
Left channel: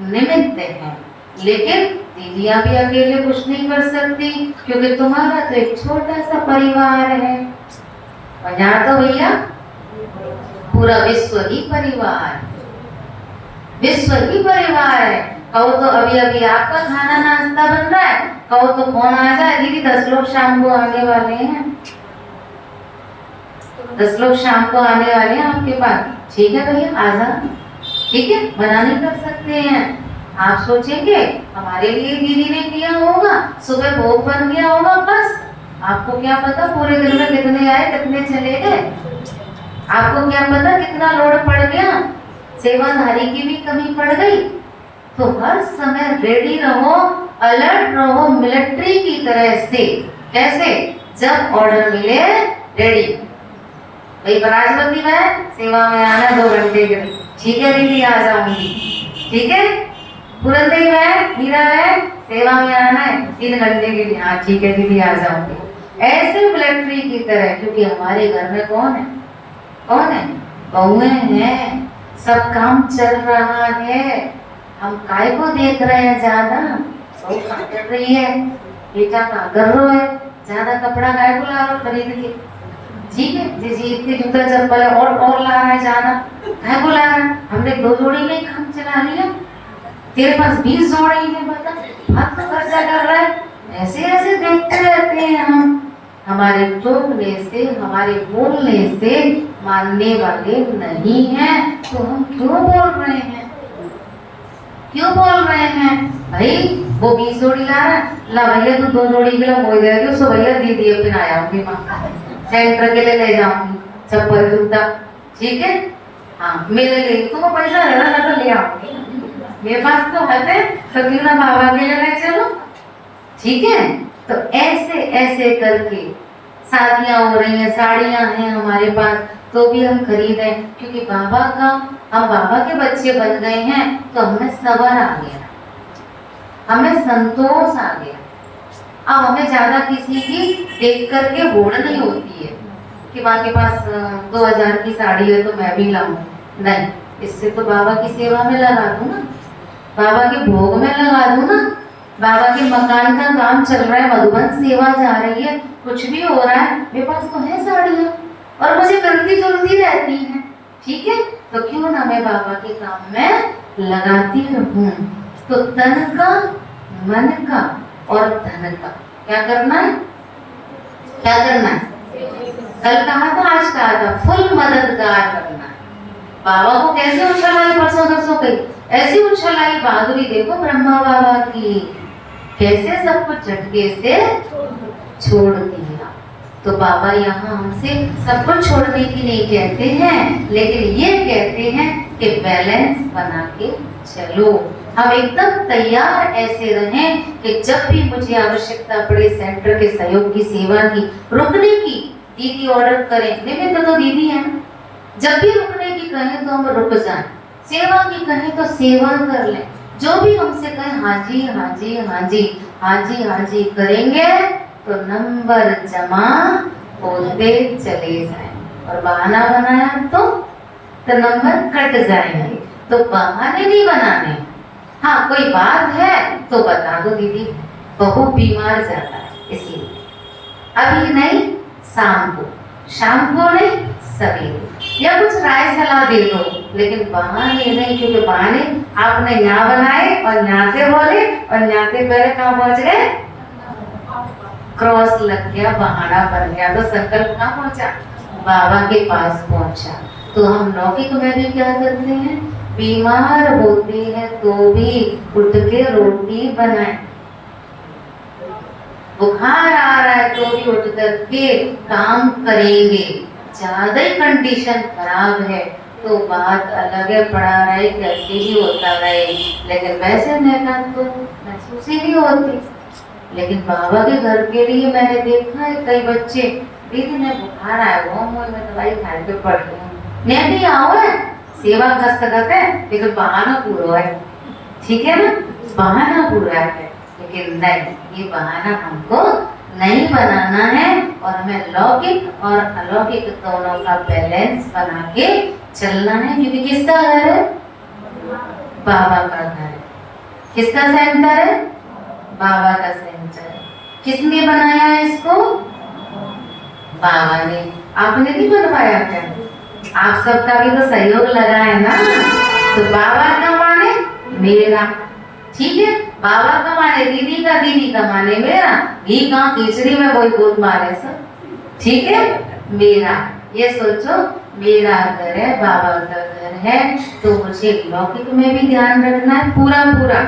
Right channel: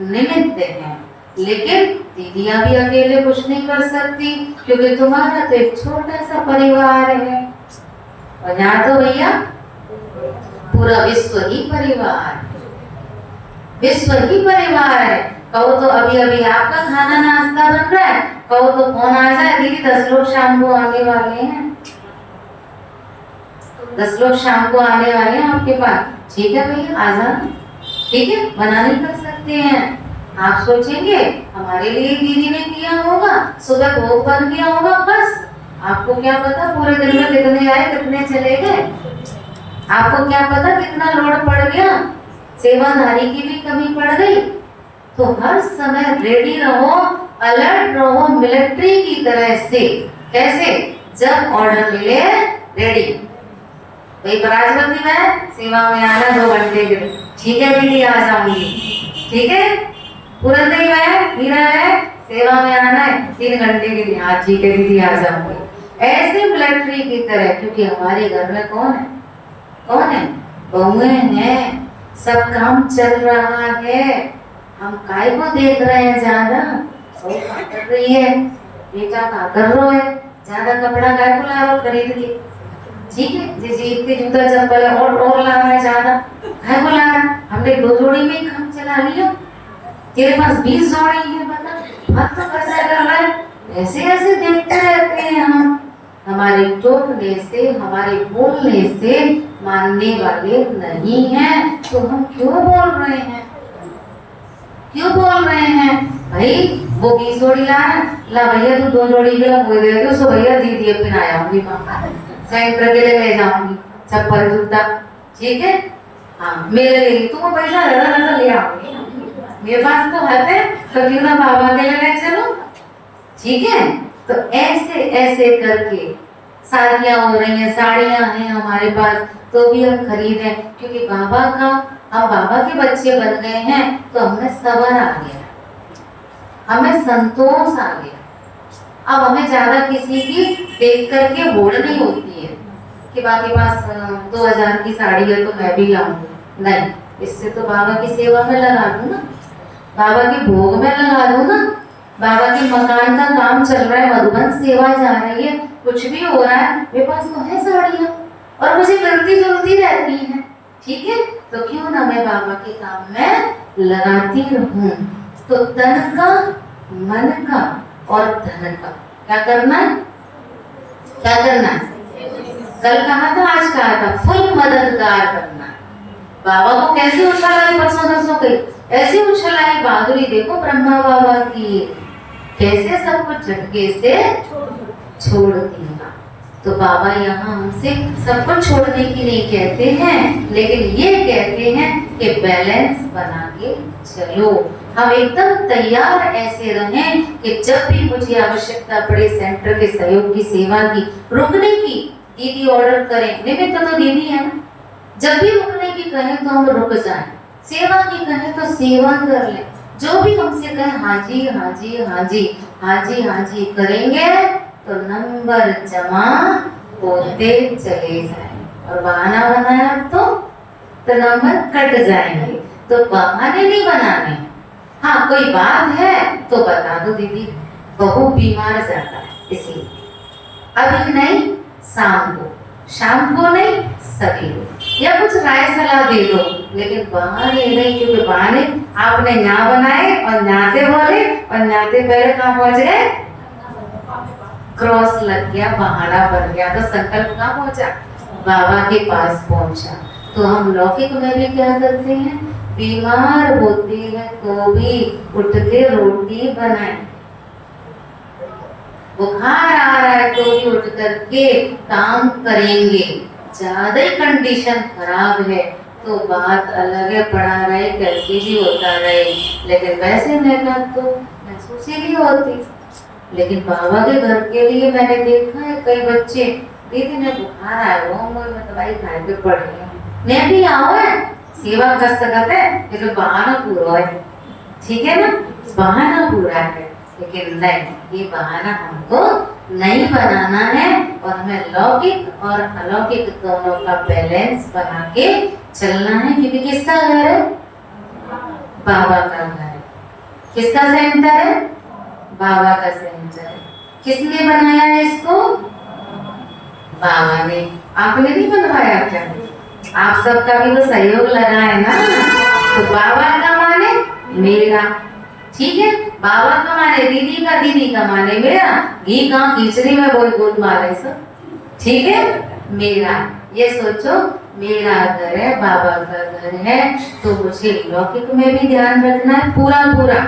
निमित्त हैं। लेकिन दीदियाँ भी अकेले कुछ नहीं कर सकती, क्योंकि तुम्हारा तो एक छोटा सा परिवार है। और यहाँ तो भैया पूरा विश्व ही परिवार, विश्व ही परिवार है। कहो तो अभी अभी आपका खाना नाश्ता बन रहा है, कहो तो फोन आ जाए, दीदी 10 लोग शाम को आने वाले हैं, 10 लोग शाम को आने वाले हैं आपके पास। ठीक है भैया आ जाओ, ठीक है, मना नहीं कर सकते हैं। आप सोचेंगे हमारे लिए दीदी ने किया होगा, सुबह भोग बन गया होगा, बस आपको क्या पता पूरे दिन में कितने आए कितने चले गए, आपको क्या पता कितना लोड पड़ गया, सेवाधारी की भी कमी पड़ गई। तो हर समय रेडी रहो, अलर्ट रहो, मिलिट्री की तरह से। कैसे? जब ऑर्डर मिले रेडी। भाई बराजमती में सेवा में आना 2 घंटे के लिए, ठीक है दीदी आ जाऊंगी, ठीक है। पुरंदरी में हीरा में सेवा में आना है 3 घंटे के लिए, हाँ ठीक है दीदी आ जाऊंगी। ऐसे मिलिट्री की तरह, क्योंकि हमारे घर में कौन है? कौन है? बहुएं हैं, सब काम चल रहा है। हम काय को देख रहे हैं ज्यादा? सब क्या कर रही है बेटा, क्या कर रहे हो है ज्यादा कपड़ा काय को ला रहे हो खरीद के? ठीक है जी जी, इतने जूता चप्पल और ला रहा है ज्यादा, काय को ला रहा है? हमने 2 जोड़ी में ही काम चला लिया, तेरे पास 20 जोड़ी है, बता हाथ तो खर्चा कर रहा है। ऐसे ऐसे देखते रहते हैं हम। हमारे टोकने से, हमारे बोलने से मानने वाले नहीं हैं, तो हम क्यों बोल रहे हैं? क्यों बोल रहे हैं? भाई वो 20 जोड़ी ला रहा है, ला भैया तू 2 जोड़ी के बोल दे रही, उसको भैया दी दिए, फिर आऊंगी सेंटर के लिए ले जाऊंगी चप्पल जूता, ठीक है हाँ मेरे लिए तुमको पैसा लगा तो ले आऊंगी, मेरे पास तो है तो क्यों ना बाबा के लिए ले चलो, ठीक है। तो ऐसे ऐसे करके शादियां हो रही हैं, साड़ियां हैं हमारे पास, तो भी हम खरीदें, क्योंकि बाबा का, हम बाबा के बच्चे बन गए हैं, तो हमें सबर आ गया, हमें संतोष आ गया। अब हमें ज्यादा किसी की देख करके होड़ नहीं होती है कि बाबा के पास 2000 की साड़ी है तो मैं भी लाऊं, नहीं, इससे तो बाबा की सेवा में लगा दूं ना, बाबा के भोग में लगा दूं ना, बाबा के मकान का काम चल रहा है, मधुबन सेवा जा रही है, कुछ भी हो रहा है, मेरे पास तो है साड़ियाँ और मुझे मिलती जुलती रहती है, ठीक है, तो क्यों ना मैं बाबा के काम में लगाती रहूं। तो तन का, मन का और धन का क्या करना है? क्या करना है? कल कहा था, आज कहा था, फुल मददगार करना। बाबा को कैसे उछलाई, परसों गई ऐसी उछलाई, बहादुरी देखो ब्रह्मा बाबा की, कैसे सब कुछ झटके से छोड़ दिया। तो बाबा यहाँ हमसे सब कुछ छोड़ने की नहीं कहते हैं, लेकिन ये कहते हैं कि बैलेंस बना के चलो। हम एकदम तैयार ऐसे रहें कि जब भी मुझे आवश्यकता पड़े सेंटर के सहयोग की, सेवा की, रुकने की, दीदी ऑर्डर करें, निमित्त तो दीदी है, जब भी रुकने कहें तो हम रुक जाएं, सेवा की कहें तो सेवा कर लें, जो भी हमसे कहें हाँ जी हाँ जी हाँ जी हाँ जी हाँ जी करेंगे तो नंबर जमा होते चले जाएं, और बहाना बनाया तो नंबर कट जाएंगे। तो बहाने नहीं बनाने। हाँ कोई बात है तो बता दो दीदी, बहू बीमार जाता है इसलिए, अभी नहीं शाम को नहीं सवेरे, या कुछ राय सलाह दे दो, लेकिन बहाने नहीं, क्योंकि बहाने आपने ना बनाए और नाते बोले और नाते पहले कहाँ पहुंच गए, क्रॉस लग गया, बहाना बन गया, तो संकल्प कहाँ पहुंचा, बाबा के पास पहुंचा। तो हम लौकिक में भी क्या करते हैं, बीमार होते हैं तो भी उठ के रोटी बनाए, बुखार आ रहा है तो भी उठ करके काम करेंगे। ज्यादा ही कंडीशन खराब है तो बात अलग है, पड़ा रहे कैसे भी होता रहे, लेकिन वैसे मेहनत तो महसूस ही नहीं होती। लेकिन बाबा के घर के लिए मैंने देखा है कई बच्चे, दीदी ने बुखार आया हुआ, मैं दवाई खाए पे पड़ गई हूँ, मैं भी आओ है सेवा कर सकते हैं, लेकिन बहाना पूरा है, ठीक है ना, बहाना पूरा है। लेकिन नहीं, ये बहाना हमको नहीं बनाना है, और हमें लौकिक और अलौकिक दोनों का बैलेंस बना के चलना है। क्योंकि किसका घर है, बाबा का घर है। किसका सेंटर है, बाबा का सेंटर है। किसने बनाया है इसको, बाबा ने। आपने नहीं बनवाया क्या, आप सबका भी तो सहयोग लगा है ना। तो बाबा का माने मेरा, ठीक है, बाबा का माने दीदी का माने मेरा, घी कहाँ खिचड़ी में कोई गोद मारे सब, ठीक है, मेरा। ये सोचो मेरा घर है, बाबा का घर है, तो मुझे लौकिक में भी ध्यान रखना है पूरा पूरा,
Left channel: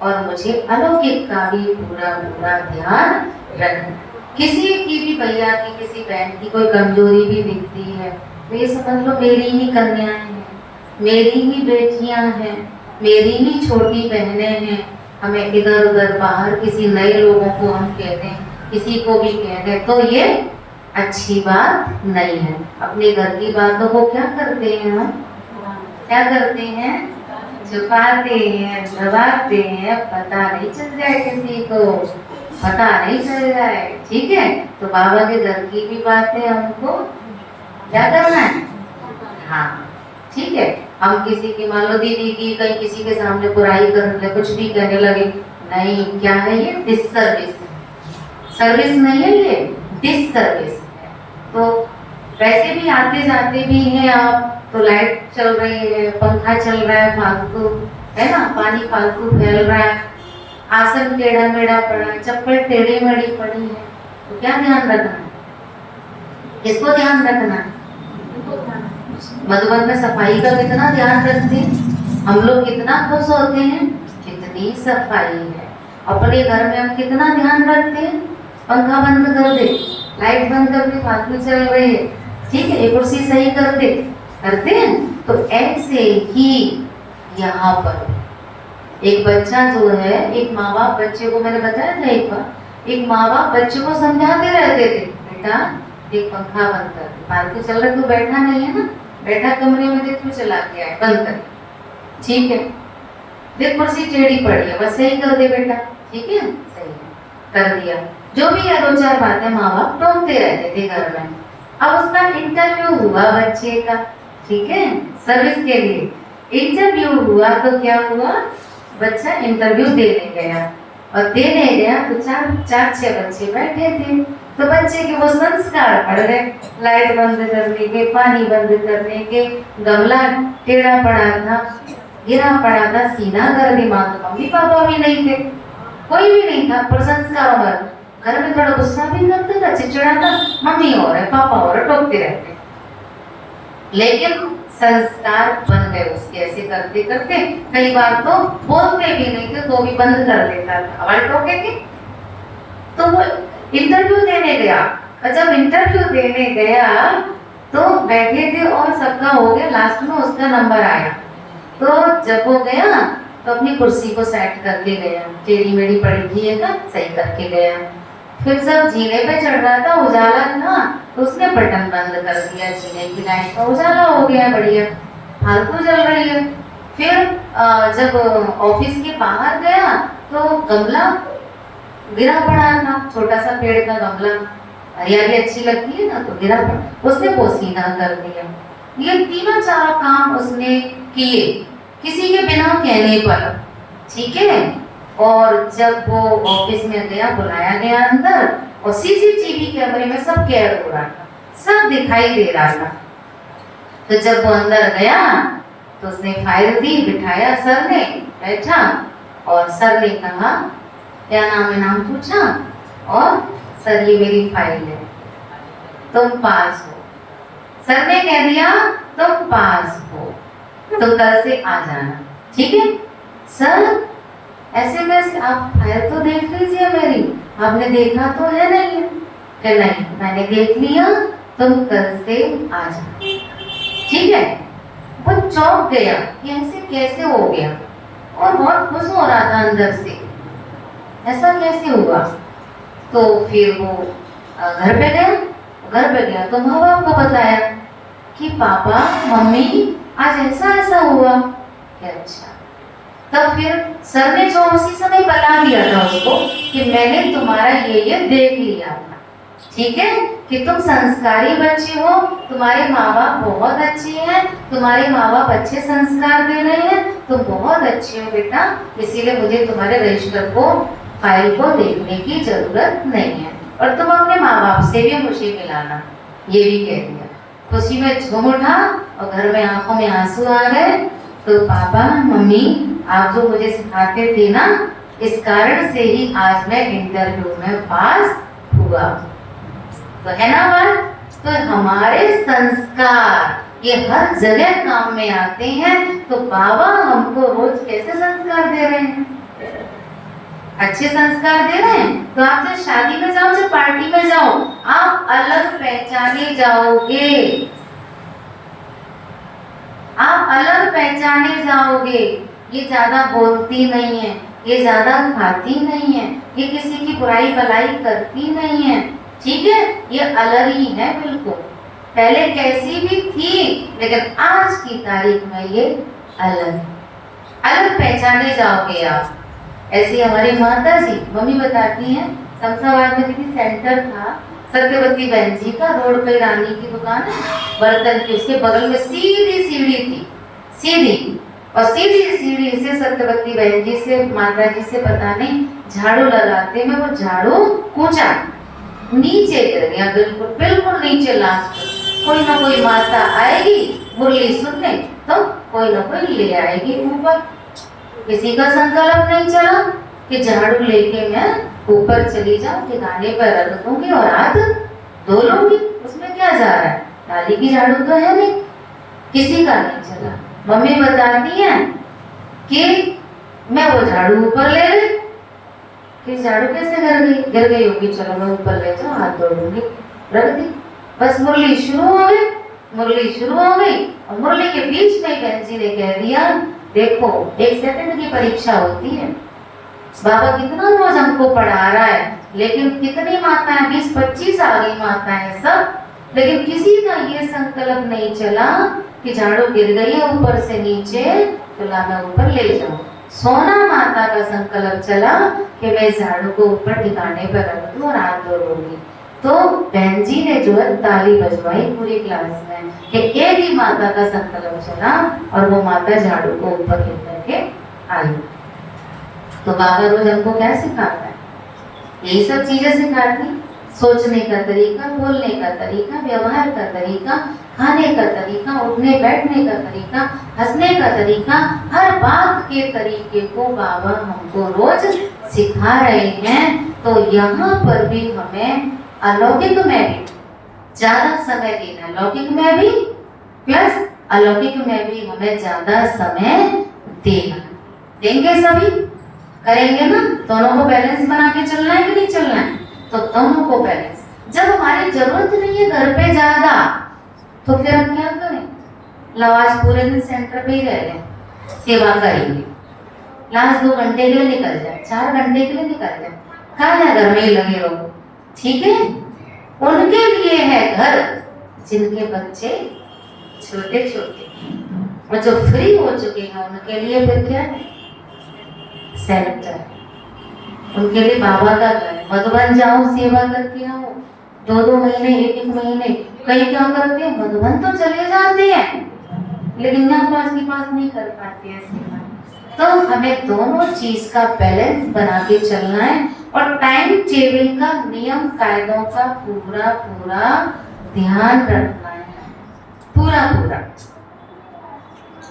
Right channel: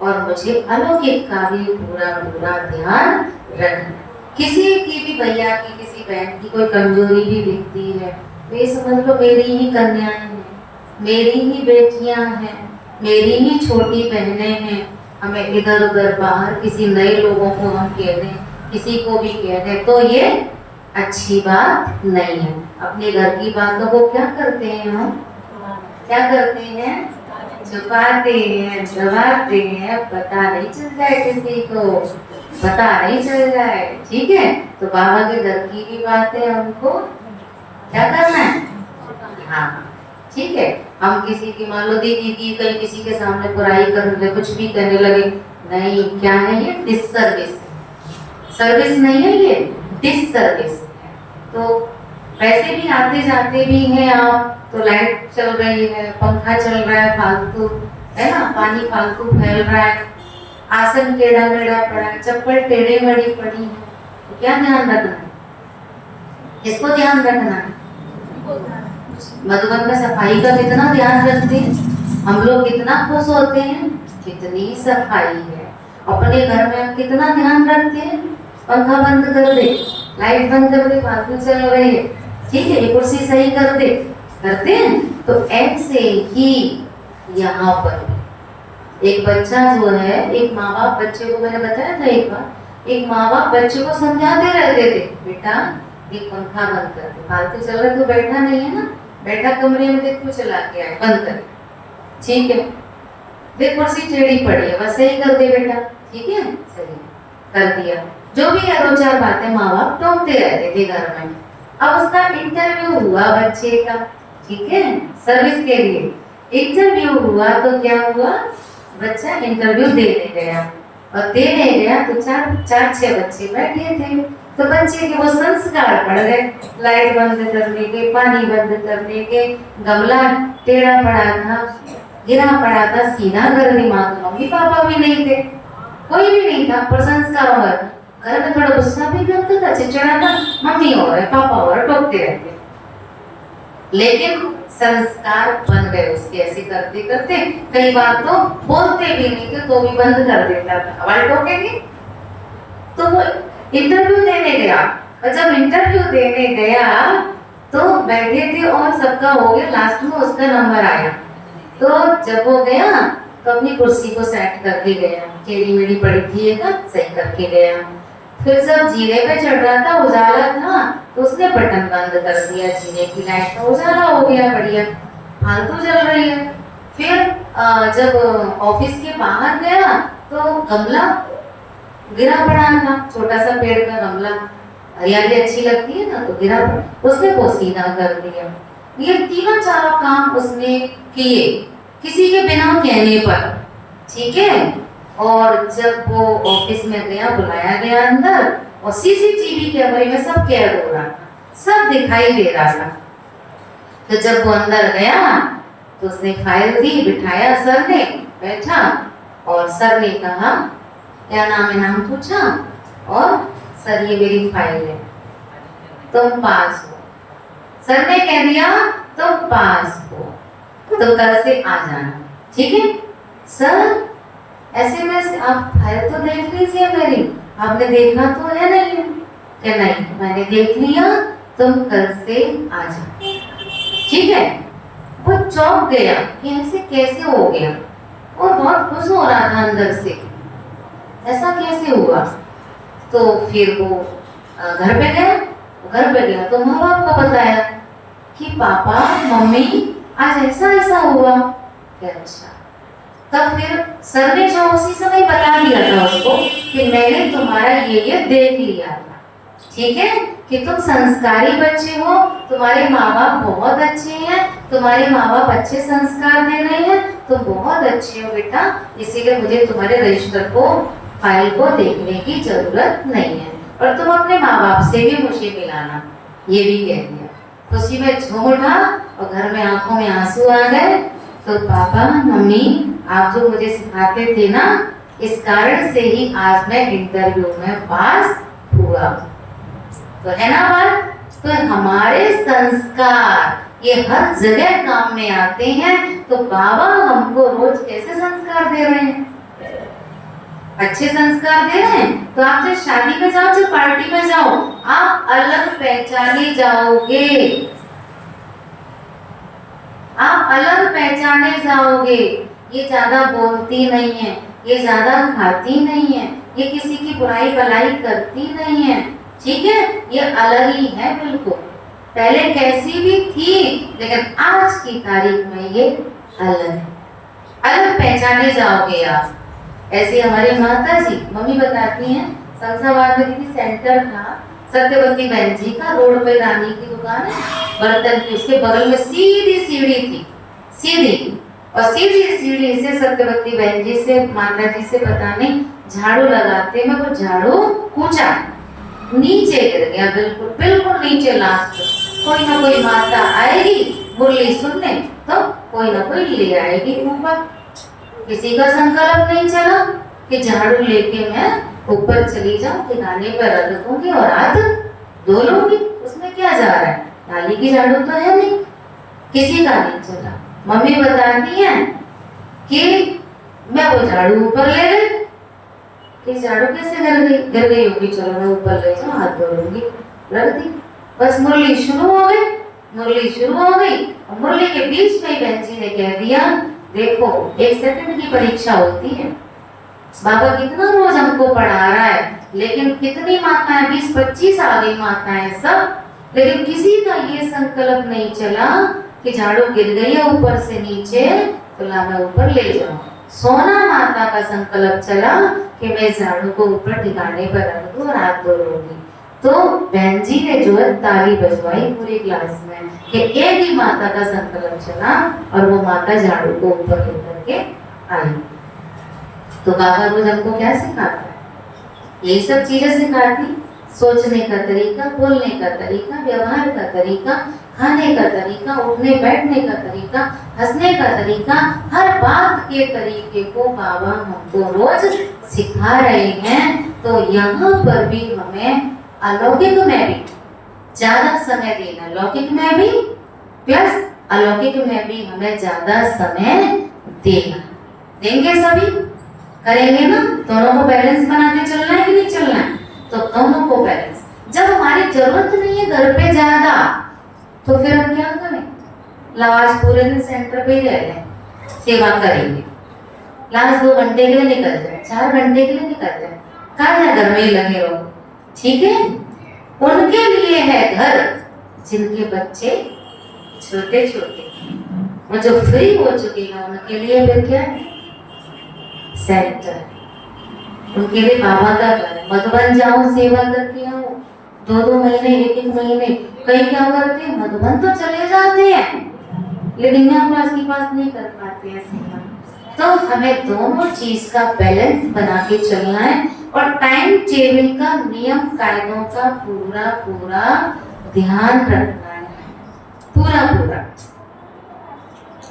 और मुझे अलौकिक का भी पूरा पूरा ध्यान रखना। किसी की भी भैया की, किसी बहन की कोई कमजोरी भी दिखती है, तो ये समझ लो मेरी ही कन्याएं हैं, मेरी ही बेटियां हैं, मेरी ही छोटी बहनें हैं। हमें इधर उधर बाहर किसी नए लोगों को हम कह दें, किसी को भी कह दें, तो ये अच्छी बात नहीं है। अपने घर की बातों को क्या करते हैं हम, क्या करते हैं, छुपाते हैं, दबाते हैं, पता नहीं चल जाए, किसी को पता नहीं चल जाए, ठीक है। तो बाबा के घर की भी बातें हमको क्या करना है, हाँ ठीक है। हम किसी की, मान लो दीदी की कहीं किसी के सामने बुराई करने, कुछ भी करने लगे, नहीं, क्या है ये, डिससर्विस, सर्विस नहीं है ये, डिससर्विस है। तो पैसे भी आते जाते भी हैं आप, तो लाइट चल रही है, पंखा चल रहा है फालतू, है ना, पानी फालतू फैल रहा है, आसन टेढ़ा मेढ़ा पड़ा है, चप्पल टेढ़ी मेढ़ी पड़ी है, तो क्या ध्यान रखना है, किसको ध्यान रखना है। मधुबन में सफाई का कितना ध्यान रखते हैं हम लोग, कितना खुश होते हैं, कितनी सफाई है। अपने घर में हम कितना ध्यान रखते हैं, पंखा बंद कर दे, लाइट बंद कर दे, फालतू चल रही है, ठीक है, ये कुर्सी सही कर दे, करते हैं। तो ऐसे ही यहाँ पर एक बच्चा जो है, एक माँ बाप बच्चे को, मैंने बताया था एक बार, एक माँ बाप बच्चे को समझाते रहते थे, बेटा एक पंखा बंद कर दे, फालतू चल रहा, तो बैठा नहीं है ना, बैठा कमरे में देख क्यों चला गया है, बंद कर, ठीक है, देख कुर्सी टेढ़ी पड़ी है, बस सही कर दे बेटा, ठीक है, सही कर दिया। जो भी है दो चार बातें माँ बाप टोकते रहते थे घर में। अब उसका इंटरव्यू हुआ बच्चे का, ठीक है, सर्विस के लिए इंटरव्यू हुआ, तो क्या हुआ, बच्चा इंटरव्यू देने गया, और देने गया तो चार छह बच्चे बैठे थे, तो बच्चे के वो संस्कार पड़ गए, लाइट बंद करने के, पानी बंद करने के, गमला टेढ़ा पड़ा था, गिरा पड़ा था, सीधा कर दी, माँ तो मम्मी पापा भी नहीं थे, कोई भी नहीं था, पर संस्कार में घर में थोड़ा गुस्सा भी करता था, चिड़चिड़ा था, मम्मी और है पापा और टोकते रहते, लेकिन संस्कार बन गए उसके, ऐसे करते करते कई बार तो बोलते भी नहीं थे तो भी बंद कर देता था, हमारे टोकेंगे। तो वो इंटरव्यू देने गया, और जब इंटरव्यू देने गया तो बैठे थे और सबका हो गया, लास्ट में उसका नंबर आया, तो जब वो गया तो अपनी कुर्सी को सेट करके गया, टेढ़ी मेढ़ी पड़ी थी ना, सही करके गया। फिर सब जीने पे चढ़ रहा था, उजाला था, तो उसने बटन बंद कर दिया, जीने की लाइट का उजाला हो गया, बढ़िया फालतू जल रही है। फिर जब ऑफिस के बाहर गया तो गमला गिरा पड़ा था, छोटा सा पेड़ का गमला, हरियाली अच्छी लगती है ना, तो गिरा पड़ा, उसने पोसीदा कर दिया। ये तीनों चारों काम उसने किए किसी के बिना कहने पर, ठीक है। और जब वो ऑफिस में गया, बुलाया गया अंदर, और सीसीटीवी कैमरे में सब कैद हो रहा था, सब दिखाई दे रहा था। तो जब वो अंदर गया तो उसने फाइल दी, बिठाया सर ने, बैठा, और सर ने कहा क्या नाम है, नाम पूछा, और सर ये मेरी फाइल है, तुम पास हो। सर ने कह दिया तुम पास हो, तो कल से आ जाना, ठीक है। सर एसएमएस आप फाइल तो देख लीजिए मेरी, आपने देखा तो है नहीं? नहीं मैंने देख लिया, तुम कल से आ जाओ, ठीक है। वो चौंक गया कि ऐसे कैसे हो गया, और बहुत खुश हो रहा था अंदर से, ऐसा कैसे हुआ। तो फिर वो घर पे गया तो माँ बाप को बताया कि पापा मम्मी आज ऐसा ऐसा हुआ। अच्छा, तब फिर सर ने जो उसी समय बता दिया था उसको कि मैंने तुम्हारा ये देख लिया था, ठीक है, कि तुम संस्कारी बच्चे हो, तुम्हारे माँ बाप बहुत अच्छे हैं, तुम्हारे माँ बाप अच्छे संस्कार दे रहे हैं, तुम बहुत अच्छे हो बेटा, इसीलिए मुझे तुम्हारे रजिस्टर को, फाइल को देखने की जरूरत नहीं है, और तुम अपने माँ बाप से भी मुझे मिलाना, ये भी कह दिया। खुशी में झूम उठा और घर में आंखों में आंसू आ गए। तो पापा मम्मी आप जो मुझे सिखाते थे ना, इस कारण से ही आज मैं इंटरव्यू में पास हुआ। तो है ना बात, तो हमारे संस्कार ये हर जगह काम में आते हैं। तो बाबा हमको रोज कैसे संस्कार दे रहे हैं, अच्छे संस्कार दे रहे हैं। तो आप जो शादी में जाओ, जो पार्टी में जाओ, आप अलग पहचाने जाओगे, आप अलग पहचाने जाओगे। ये ज्यादा बोलती नहीं है, ये ज्यादा खाती नहीं है, ये किसी की बुराई भलाई करती नहीं है, ठीक है, ये अलग ही है बिल्कुल। पहले कैसी भी थी लेकिन आज की तारीख में ये अलग है, अलग पहचाने जाओगे आप। ऐसे हमारी माता जी मम्मी बताती हैं, शमशाबाद में किसी सेंटर था, सत्यवती बहन जी का, रोड पे रानी की दुकान है बर्तन की, उसके बगल में सीधी सीढ़ी थी, सीधी, और सीधी सीढ़ी से सत्यवती बहन जी से, माता जी से पता नहीं झाड़ू लगाते में वो झाड़ू कूचा नीचे गिर गया, बिल्कुल बिल्कुल नीचे। लास्ट कोई ना कोई माता आएगी मुरली सुनने, तो कोई ना कोई ले आएगी ऊपर। किसी का संकल्प नहीं चला कि झाड़ू लेके मैं ऊपर चली जाऊं, ठिकाने पर रख दूंगी और हाथ धो लूंगी, उसमें क्या जा रहा है, डाली की झाड़ू तो है नहीं, किसी का नहीं चला। मम्मी बताती है कि मैं वो झाड़ू ऊपर ले गई, कि झाड़ू कैसे गिर गई होगी, चलो मैं ऊपर ले जाऊं, हाथ धो लूंगी, रख दी। बस मुरली शुरू हो गई, मुरली शुरू हो गई, और मुरली के बीच में बहन जी ने कह दिया, देखो 1 सेकंड की परीक्षा होती है, बाबा कितना रोज हमको पढ़ा रहा है, लेकिन कितनी माताएं, 20-25 आ गई माताएं सब, लेकिन किसी का ये संकल्प नहीं चला कि झाड़ू गिर गई है ऊपर से नीचे, तो ला मैं ऊपर ले जाऊं। सोना माता का संकल्प चला कि मैं झाड़ू को ऊपर ठिकाने पर रख दूं और हाथ धो लूंगी। तो बहन जी ने जो है ताली बजवाई पूरी क्लास में कि एक ही माता का संकल्प चला, और वो माता झाड़ू को ऊपर लेकर के आई। तो बाबा रोज हमको क्या सिखाता है, यही सब चीजें सिखाती, सोचने का तरीका, बोलने का तरीका, व्यवहार का तरीका, खाने का तरीका, उठने बैठने का तरीका, हंसने का तरीका, हर बात के तरीके को बाबा हमको रोज सिखा रहे हैं। तो यहाँ पर भी हमें अलौकिक में भी ज्यादा समय देना, लौकिक में भी प्लस अलौकिक में भी हमें ज्यादा समय देना, देंगे सभी, करेंगे ना, दोनों को बैलेंस बना के चलना है कि नहीं चलना है, तो दोनों को बैलेंस। जब हमारी जरूरत नहीं है घर पे ज्यादा, तो फिर हम क्या करें, लाज पूरे दिन सेंटर पे ही रह लें, सेवा करेंगे, लाज 2 घंटे के लिए निकल जाए, 4 घंटे के लिए निकल जाए, कहाँ है घर में ही लगे रहो, ठीक है। उनके लिए है घर जिनके बच्चे छोटे छोटे, और जो फ्री हो चुके हैं उनके लिए फिर क्या है? सेंटर। उनके लिए बाबा का घर है। मधुबन जाओ, सेवा करके आओ, 2-2 महीने, 1-1 महीने। कई क्या करते हैं, मधुबन तो चले जाते हैं लेकिन यहाँ क्लास की पास नहीं कर पाते हैं सेवा। तो हमें दोनों चीज का बैलेंस बना के चलना है और टाइम टेबल का, नियम कायदों का पूरा पूरा ध्यान रखना है, पूरा पूरा।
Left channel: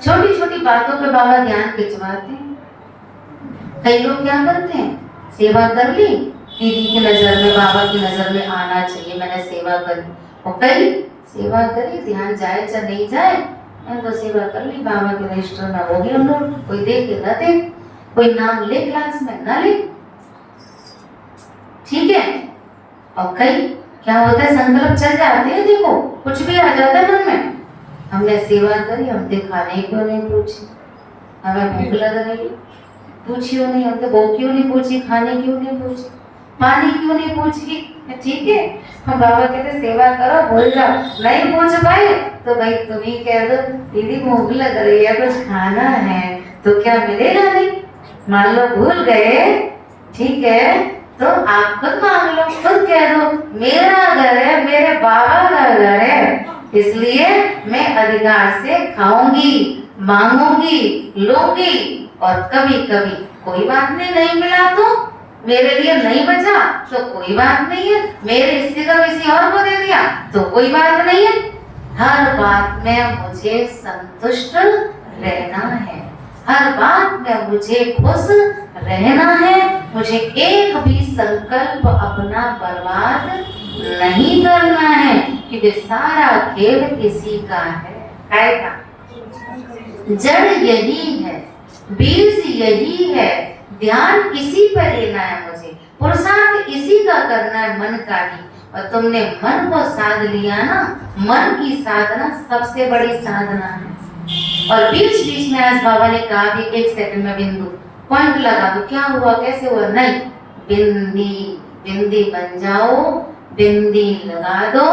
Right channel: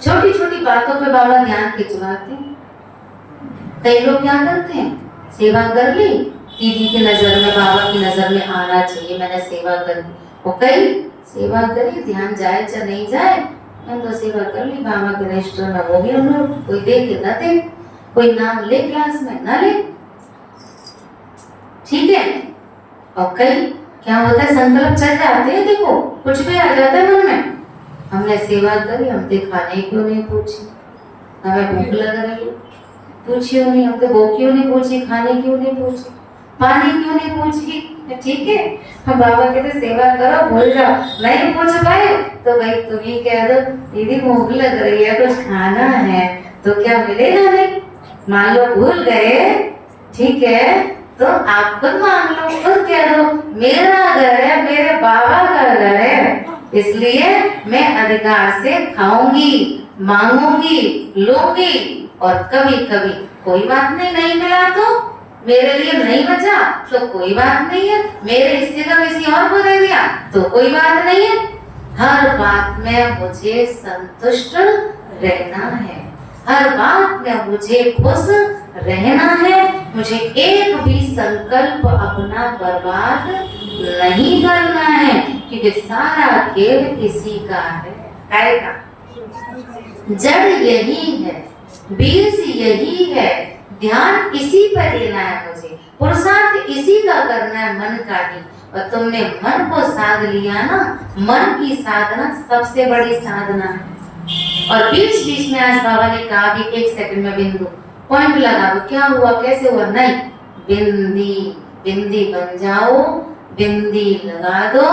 छोटी छोटी बातों पे बाबा ध्यान खिंचवाते हैं। कई लोग क्या करते हैं, सेवा कर ली, दीदी की नजर में, बाबा की नजर में आना चाहिए, मैंने सेवा कर ली। वो कई सेवा करी, ध्यान जाए चाहे नहीं जाए, मैंने तो सेवा कर ली, बाबा के रजिस्टर में हो गया। हम लोग कोई देखे न दे, कोई नाम ले क्लास में न ले, ठीक है। और कई क्या होता है, संकल्प चल जाते हैं, देखो कुछ भी आ जाता है मन में, हमने सेवा करी, हमसे खाने क्यों नहीं पूछी, हमें भूख लग रही है पूछियो नहीं, हमसे वो क्यों नहीं पूछी, खाने क्यों नहीं पूछी, पानी क्यों नहीं पूछी, ठीक है। हम बाबा कहते सेवा करो, भूल जाओ, नहीं पूछ पाए तो भाई तुम ही कह दो दीदी भूख लग रही है, कुछ खाना है, तो क्या मिलेगा नहीं। मान लो भूल गए, ठीक है, तो आप खुद मान लो, खुद कह दो मेरा घर है, मेरे बाबा का घर है, इसलिए मैं अधिकार से खाऊंगी, मांगूंगी, लूंगी। और कभी कभी कोई बात नहीं मिला तो मेरे लिए नहीं बचा तो कोई बात नहीं है, मेरे हिस्से का किसी और को दे दिया तो कोई बात नहीं है। हर बात में मुझे संतुष्ट रहना है, हर बात में मुझे खुश रहना है, मुझे एक भी संकल्प अपना बर्बाद नहीं करना है, क्योंकि सारा खेल किसी का है का। जड़ यही है, बीज यही है, ध्यान इसी पर देना है मुझे, पुरुषार्थ इसी का करना है, मन का ही। और तुमने मन को साध लिया ना, मन की साधना सबसे बड़ी साधना है। और बीच बीच में आज बाबा ने कहा कि 1 सेकंड में बिंदु पॉइंट लगा दो, क्या हुआ कैसे हुआ, नहीं, बिंदी बन जाओ, बिंदी लगा दो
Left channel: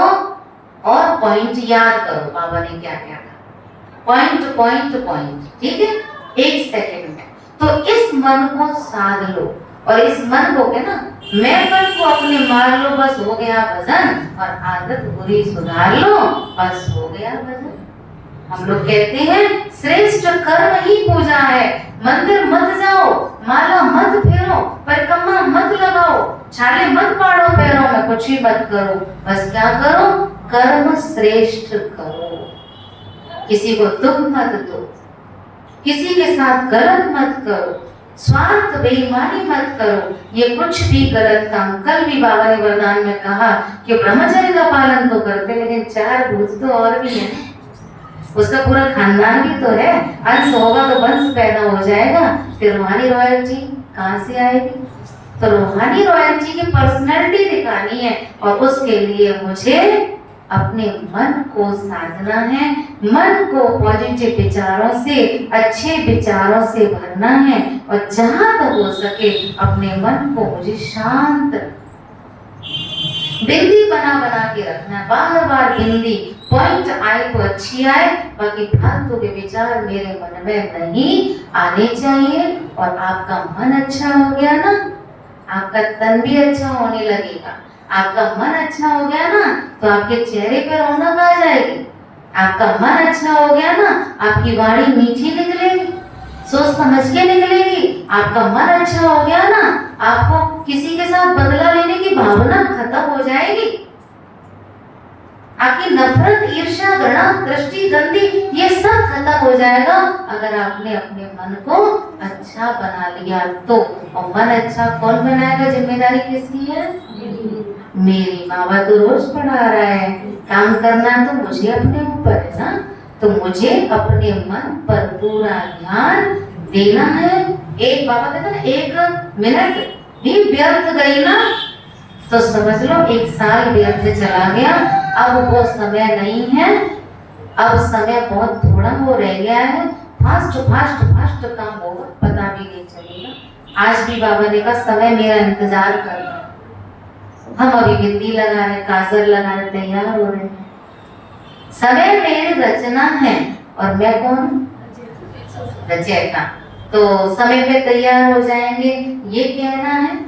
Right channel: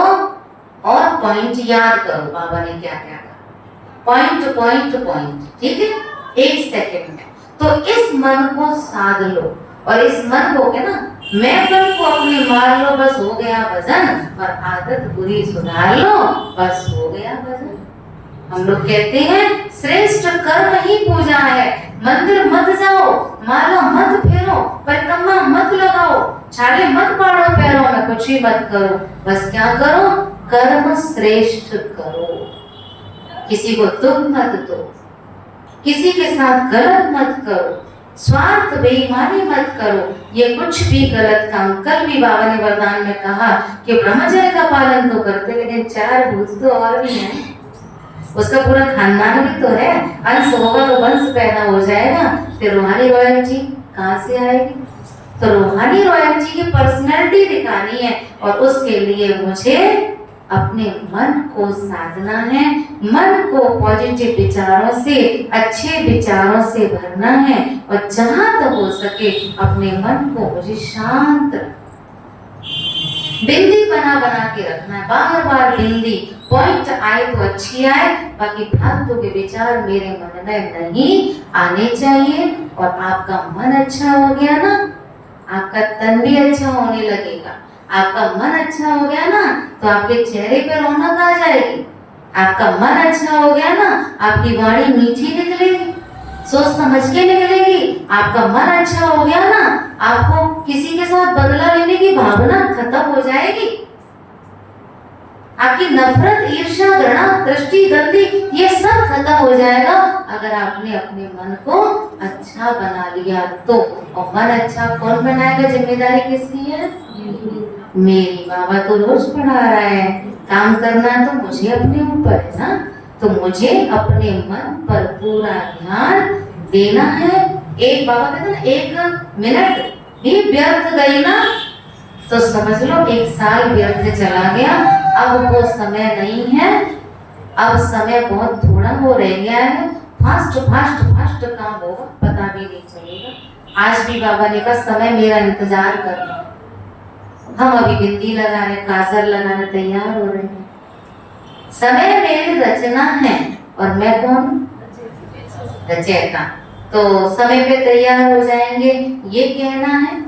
और पॉइंट याद करो बाबा ने क्या क्या कहा, पॉइंट पॉइंट पॉइंट, ठीक है, 1 सेकंड में। तो इस मन को साध लो, और इस मन को क्या ना, मैं मन को अपने मार लो, बस हो गया भजन, और आदत बुरी सुधार लो, बस हो गया भजन। हम लोग कहते हैं श्रेष्ठ कर्म ही पूजा है, मंदिर मत जाओ, माला मत फेरो, परिक्रमा मत लगाओ, छाले मत पाड़ो पैरों में, कुछ भी मत करो, बस क्या करो, कर्म श्रेष्ठ करो, किसी को दुख मत दो, किसी के साथ गलत मत करो, स्वार्थ बेईमानी मत करो, ये कुछ भी गलत काम। कल भी बाबा ने वरदान में कहा कि ब्रह्मचर्य का पालन तो करते, लेकिन 4 भूत तो और भी हैं, उसका पूरा खानदान भी तो है, अंश होगा तो वंश पैदा हो जाएगा, फिर रूहानी रॉयल्टी कहाँ से आएगी। तो रूहानी रॉयल्टी की पर्सनैलिटी दिखानी है, और उसके लिए मुझे अपने मन को साधना है, मन को पॉजिटिव विचारों से, अच्छे विचारों से भरना है, और जहां तक हो सके अपने मन को मुझे शांत, बिंदी बना बना के रखना है, बार बार बिंदी, पॉइंट आए तो अच्छी आए, बाकी फालतू के विचार मेरे मन में नहीं आने चाहिए। और आपका मन अच्छा हो गया ना, आपका तन भी अच्छा होने लगेगा, आपका मन अच्छा हो गया ना, तो आपके चेहरे पर रौनक आ जाएगी, आपका मन अच्छा हो गया ना, आपकी वाणी मीठी निकलेगी, सोच समझ के निकलेगी, आपका मन अच्छा हो गया ना, आपको किसी के साथ बदला लेने की भावना खत्म हो जाएगी, आपकी नफरत, ईर्ष्या, घृणा, दृष्टि, गंदी, ये सब खत्म हो जाएगा अगर आपने अपने मन को अच्छा बना लिया तो। और मन अच्छा कौन बनाएगा, जिम्मेदारी किसकी है, मेरी। बाबा तो रोज पढ़ा रहा है, काम करना तो मुझे अपने ऊपर है ना, तो मुझे अपने मन पर पूरा ध्यान देना है। एक बाबा कहते ना, 1 मिनट भी व्यर्थ गई ना तो समझ लो 1 साल व्यर्थ चला गया। अब वो समय नहीं है, अब समय बहुत थोड़ा हो रह गया है, फास्ट फास्ट फास्ट काम होगा, पता भी नहीं चलेगा। आज भी बाबा ने कहा समय मेरा इंतजार कर रहा है, हम अभी बिंदी लगाने, काजल लगाने तैयार हो रहे हैं। समय मेरी रचना है और मैं कौन? रचयिता। तो समय पे तैयार हो जाएंगे ये कहना है,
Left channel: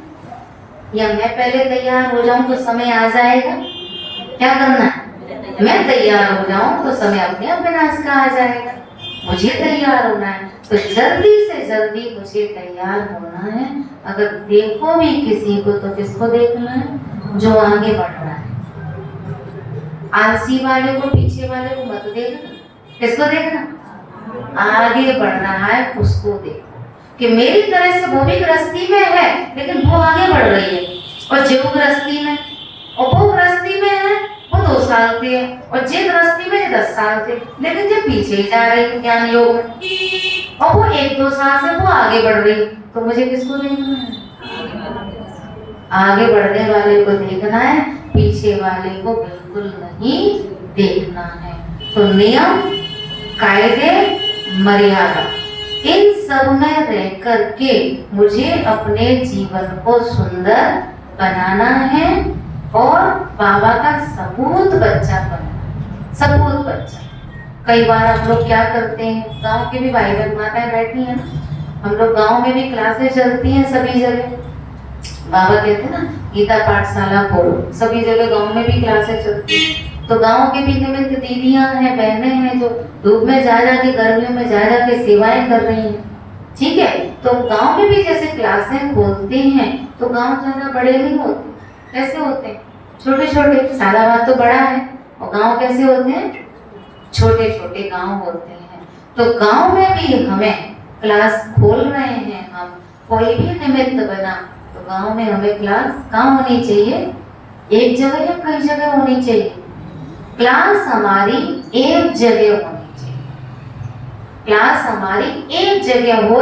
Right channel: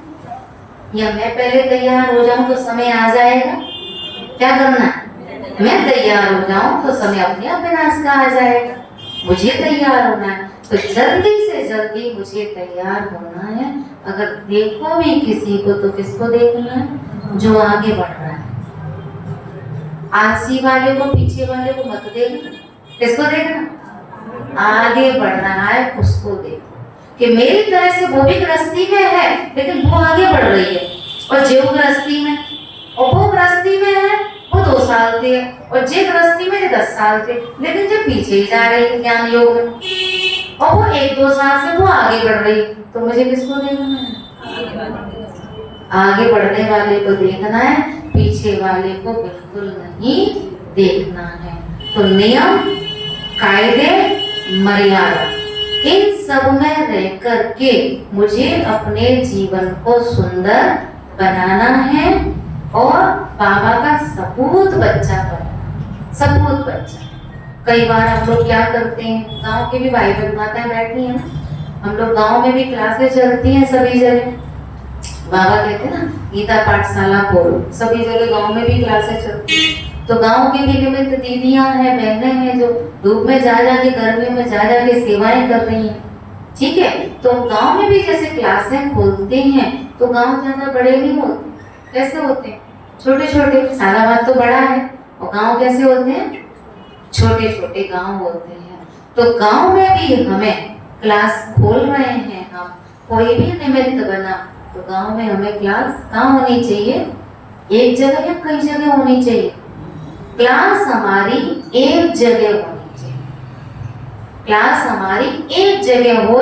या मैं पहले तैयार हो जाऊं तो समय आ जाएगा? क्या करना है? मैं तैयार हो जाऊं तो समय अपने आप विनाश का आ जाएगा। मुझे तैयार होना है, तो जल्दी से जल्दी मुझे तैयार होना है। अगर देखो भी किसी को तो किसको देखना है? जो आगे बढ़ रहा है। आलसी वाले को, पीछे वाले को मत देखना। किसको देखना? आगे बढ़ रहा है उसको देखो, कि मेरी तरह से वो भी गृहस्थी में है लेकिन वो आगे बढ़ रही है, और जो गृहस्थी में, और वो गृहस्थी में है वो 2 साल के, और जे गृहस्थी में 10 साल के, लेकिन जब पीछे ही जा रही है ज्ञान योग में, और वो 1-2 साल से वो आगे बढ़ रही, तो मुझे किसको देखना है? आगे बढ़ने वाले को देखना है, पीछे वाले को बिल्कुल नहीं देखना है। तो नियम, कायदे, मर्यादा, इन सब में रह करके मुझे अपने जीवन को सुंदर बनाना है और बाबा का सपूत बच्चा बनना। सपूत बच्चा। कई बार हम लोग क्या करते हैं, गांव के भी भाई बहन माताएं बैठी हैं ना, हम लोग गांव में भी क्लासेस चलती हैं सभी जगह। बाबा कहते हैं ना गीता पाठशाला खोलो, सभी जगह गांव में भी क्लासेस चलती हैं। तो गांव के भी निमित्त दीदियां हैं, बहनें हैं जो धूप में जा जाके, गर्मियों में जा जाके सेवाएं कर रही हैं। ठीक है, तो गांव में भी जैसे क्लासें खोलते हैं तो गांव ज्यादा बड़े नहीं होते। कैसे होते हैं? छोटे छोटे। सालाबाद तो बड़ा है, और गांव कैसे होते हैं? छोटे छोटे गांव होते हैं। तो गांव में भी हमें क्लास खोल रहे हैं हम, कोई भी निमित्त बना तो गांव में हमें क्लास कहाँ होनी चाहिए? एक जगह या कई जगह होनी चाहिए? क्लास हमारी एक जगह होनी चाहिए। क्लास हमारी एक जगह हो,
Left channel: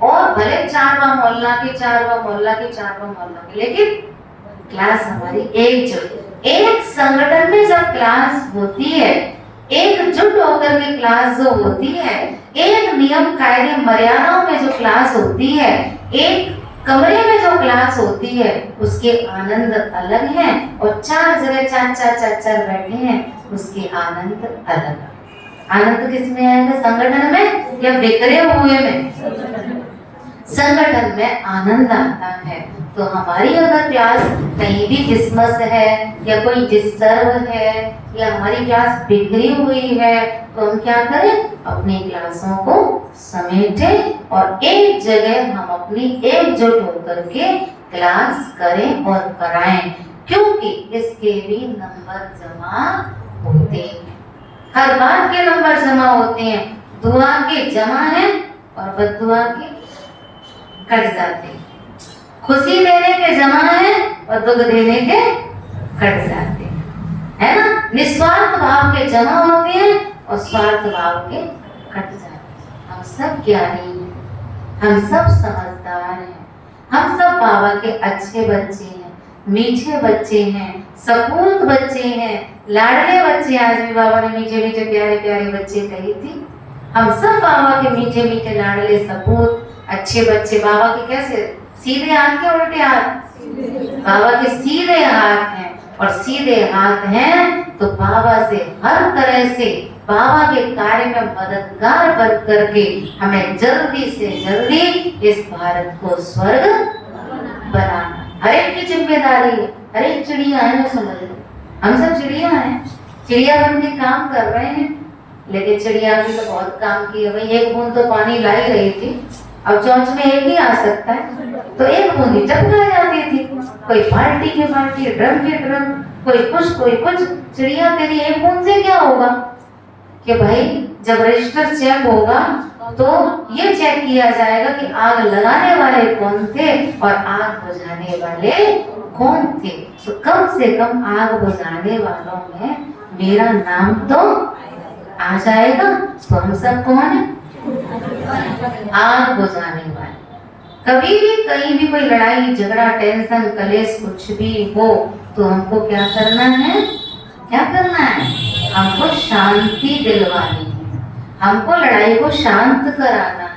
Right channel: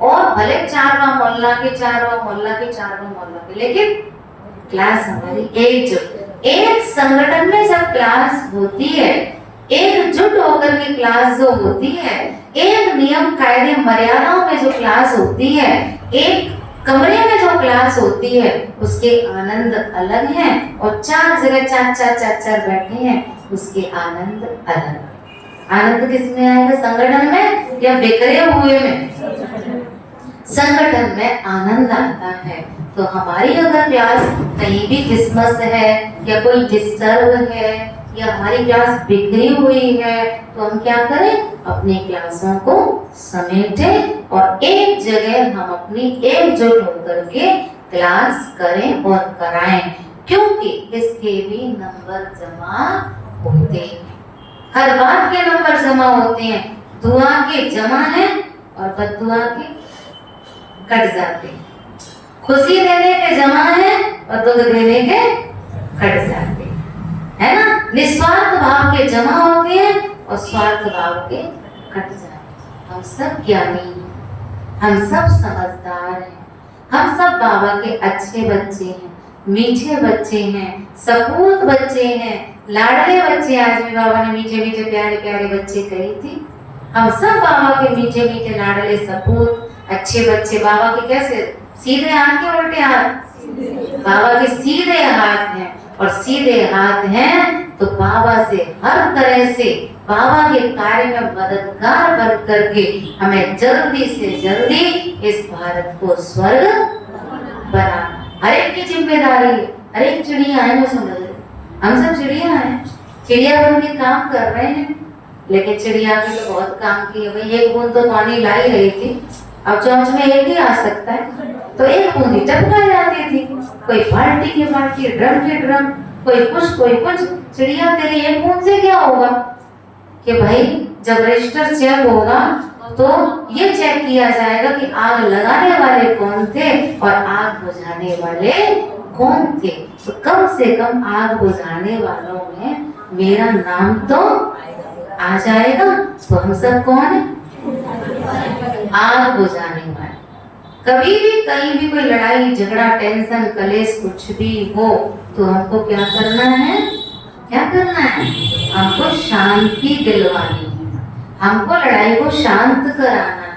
और भले 4वां मोहल्ला के 4वां मोहल्ला के 4वां मोहल्ला के, लेकिन क्लास हमारी एक जगह। एक संगठन में जब क्लास होती है, एकजुट होकर के क्लास जो होती है, एक नियम कायदे मर्यादाओं में जो क्लास होती है, एक कमरे में जो क्लास होती है, उसके आनंद अलग है। और 4 जगह 4 बैठे हैं, उसके आनंद अलग। आनंद किसमें आएगा? संगठन में या बिखरे हुए में? संगठन में आनंद आता है। तो हमारी अगर क्लास कहीं भी डिस्मस है या कोई डिस्टर्ब है या हमारी क्लास बिखरी हुई है, तो हम क्या करें? अपनी क्लासों को समेटें और एक जगह हम अपनी एकजुट होकर के क्लास करें और कराएं, क्योंकि इसके भी नंबर जमा होते हैं। हर बात के नंबर जमा होते हैं। दुआ के जमा है और बद्दुआ के कट जाते हैं। खुशी देने के जमा है और दुख देने के कट जाते हैं, है ना? निस्वार्थ भाव के जमा होते हैं और स्वार्थ भाव के कट जाते हैं। हम सब ज्ञानी हैं, हम सब समझदार हैं, हम सब बाबा के अच्छे बच्चे हैं, मीठे बच्चे हैं, सपूत बच्चे हैं, लाडले बच्चे। आज भी बाबा ने मीठे मीठे प्यारे प्यारे बच्चे कही थी। हम सब बाबा के मीठे मीठे लाडले सपूत अच्छे बच्चे। बाबा के कैसे? सीधे हाथ के उल्टे हाथ? बाबा के सीधे हाथ हैं, और सीधे हाथ हैं तो बाबा से हर तरह से बाबा के कार्य में मददगार बन करके हमें जल्दी से जल्दी इस भारत को स्वर्ग बनाना। हर एक की जिम्मेदारी है। हर एक चिड़िया है, वो समझ लो, हम सब चिड़िया हैं, चिड़िया बन के काम कर रहे हैं। लेकिन चिड़िया की तो बहुत काम किया भाई। एक बूंद तो पानी ला ही रही थी, अब चोंच में एक ही आ सकता है, तो एक बूंद ही टपका जाती थी। कोई बाल्टी की बाल्टी, ड्रम की ड्रम, कोई कुछ कोई कुछ। चिड़िया तेरी एक बूंद से क्या होगा? कि भाई जब रजिस्टर चेक होगा तो ये चेक किया जाएगा कि आग लगाने वाले कौन थे और आग बुझाने वाले कौन थे। तो कम से कम आग बुझाने वालों में मेरा नाम तो आ जाएगा। तो हम सब कौन है? आग बुझाने वाले। कभी भी कहीं भी कोई लड़ाई झगड़ा टेंशन कलेश कुछ भी हो तो हमको क्या करना है? क्या करना है? हमको शांति दिलवानी है, हमको लड़ाई को शांत कराना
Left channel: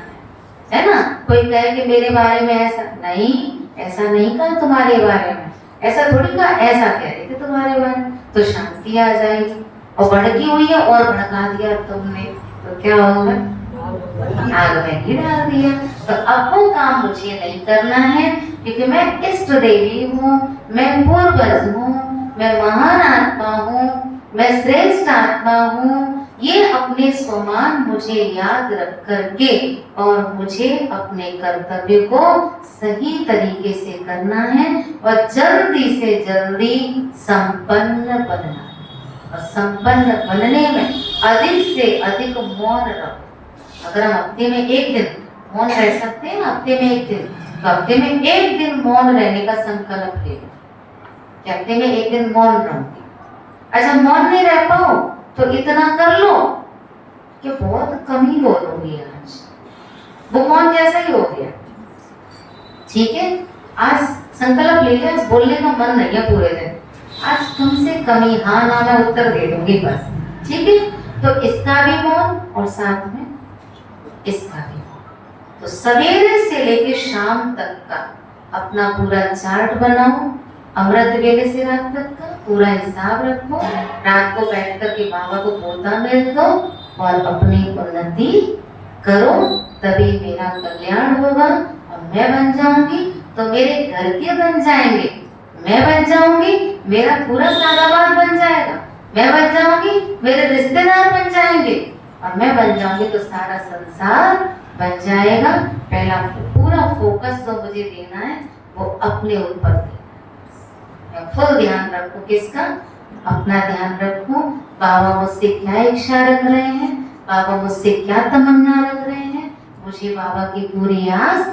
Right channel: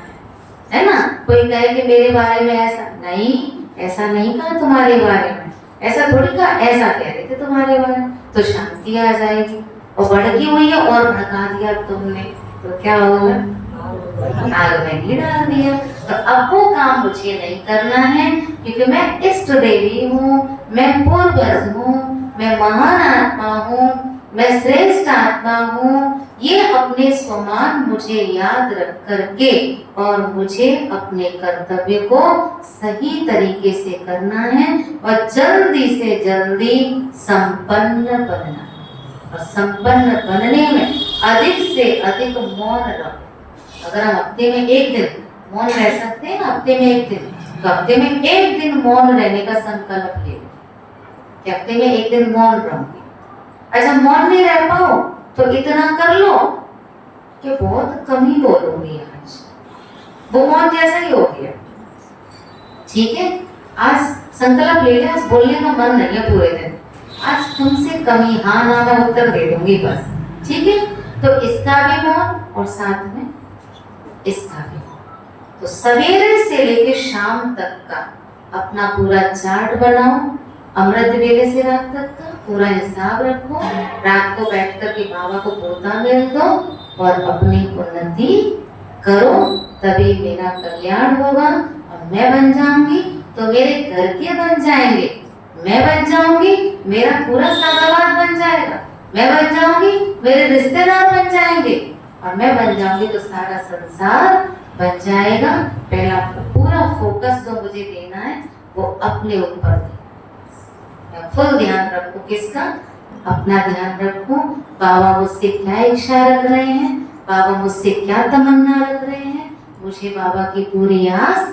है ना? कोई कहे कि मेरे बारे में ऐसा नहीं, ऐसा नहीं कहा तुम्हारे बारे में, ऐसा थोड़ी का ऐसा कह रहे थे तुम्हारे बारे में, तो शांति आ जाएगी। और भड़की हुई है और भड़का दिया तुमने, तो क्या होगा? आग में घी डाल दिया। तो अब वो काम मुझे नहीं करना है, क्योंकि मैं इष्ट देवी हूँ, मैं पूर्वज हूँ, मैं महान आत्मा हूँ, मैं श्रेष्ठ आत्मा हूँ। ये अपने स्वमान मुझे याद रख करके और मुझे अपने कर्तव्य को सही तरीके से करना है और जल्दी से जल्दी संपन्न बनना है। और संपन्न बनने में अधिक से अधिक मौन रहो। अगर हम हफ्ते में एक दिन मौन रह सकते हैं, हफ्ते में एक दिन, तो हफ्ते में एक दिन मौन रहने का संकल्प ले लो कि हफ्ते में एक दिन मौन रहूंगी। अच्छा, मौन नहीं रह पाओ तो इतना कर लो कि बहुत कम ही बोलोगी आज, वो मौन जैसा ही हो गया। ठीक है, आज संकल्प ले लिया, आज बोलने का मन नहीं है पूरे दिन, आज तुमसे कम ही हाँ ना मैं उत्तर दे दूंगी बस। ठीक है, तो इसका भी मौन और साथ में इसका भी। तो सवेरे से लेकर शाम तक का अपना पूरा चार्ट बनाओ, अमृत वेले से रात तक का पूरा हिसाब रखो। रात को बैठ कर के बाबा को पोता मिल दो और अपनी उन्नति करो, तभी मेरा कल्याण होगा। और मैं बन जाऊंगी तो मेरे घर के बन जाएंगे, मैं बन जाऊंगी मेरा पूरा सारावार बन जाएगा, मैं बन जाऊंगी मेरे रिश्तेदार बन जाएंगे, और मैं बन जाऊंगी तो सारा संसार बन जाएगा। पहला पूरा फोकस जो मुझे देना है वो अपने ऊपर देना। मैं फुल ध्यान रखूं, किसका? अपना ध्यान रखूं। बाबा मुझसे क्या इच्छा रख रहे हैं, बाबा मुझसे क्या तमन्ना रख रहे हैं, मुझे बाबा की पूरी आस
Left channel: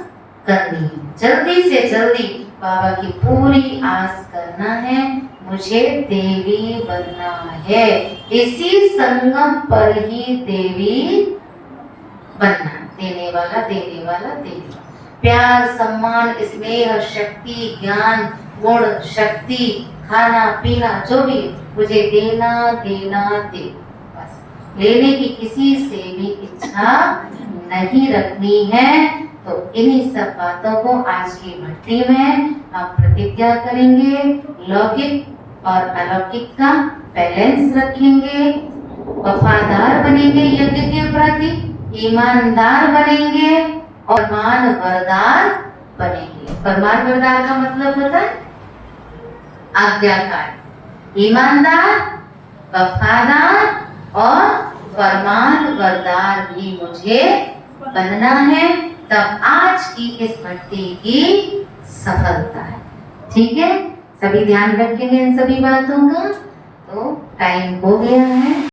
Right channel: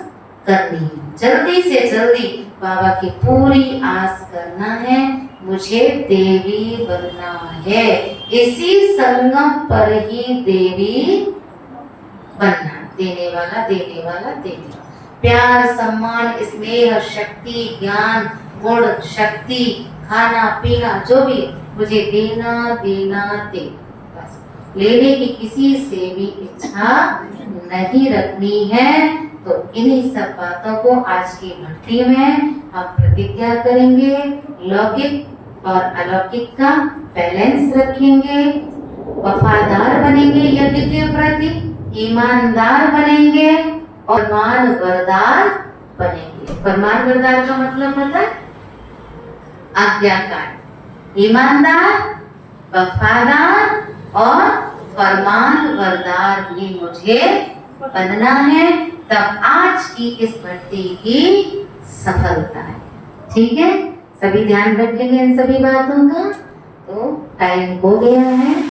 करनी है। जल्दी से जल्दी बाबा की पूरी आस करना है, मुझे देवी बनना है। इसी संगम पर ही देवी बनना, देने वाला देने वाला देने वाला। प्यार, सम्मान, स्नेह, शक्ति, ज्ञान, गुण, शक्ति, खाना पीना जो भी मुझे देना देना देना, बस लेने की किसी से भी इच्छा नहीं रखनी है। तो इन्हीं सब बातों को आज की भक्ति में हम प्रतिज्ञा करेंगे, लौकिक और अलौकिक का बैलेंस रखेंगे, वफादार बनेंगे यज्ञ के प्रति, ईमानदार बनेंगे और मानवरदार बनेंगे। परमानवरदार का मतलब होता है आज्ञाकार, ईमानदार, वफादार और फरमानबरदार भी मुझे बनना है। तब आज की इस भक्ति की सफलता है। ठीक है, सभी ध्यान रखेंगे इन सभी बातों का। तो टाइम हो गया है।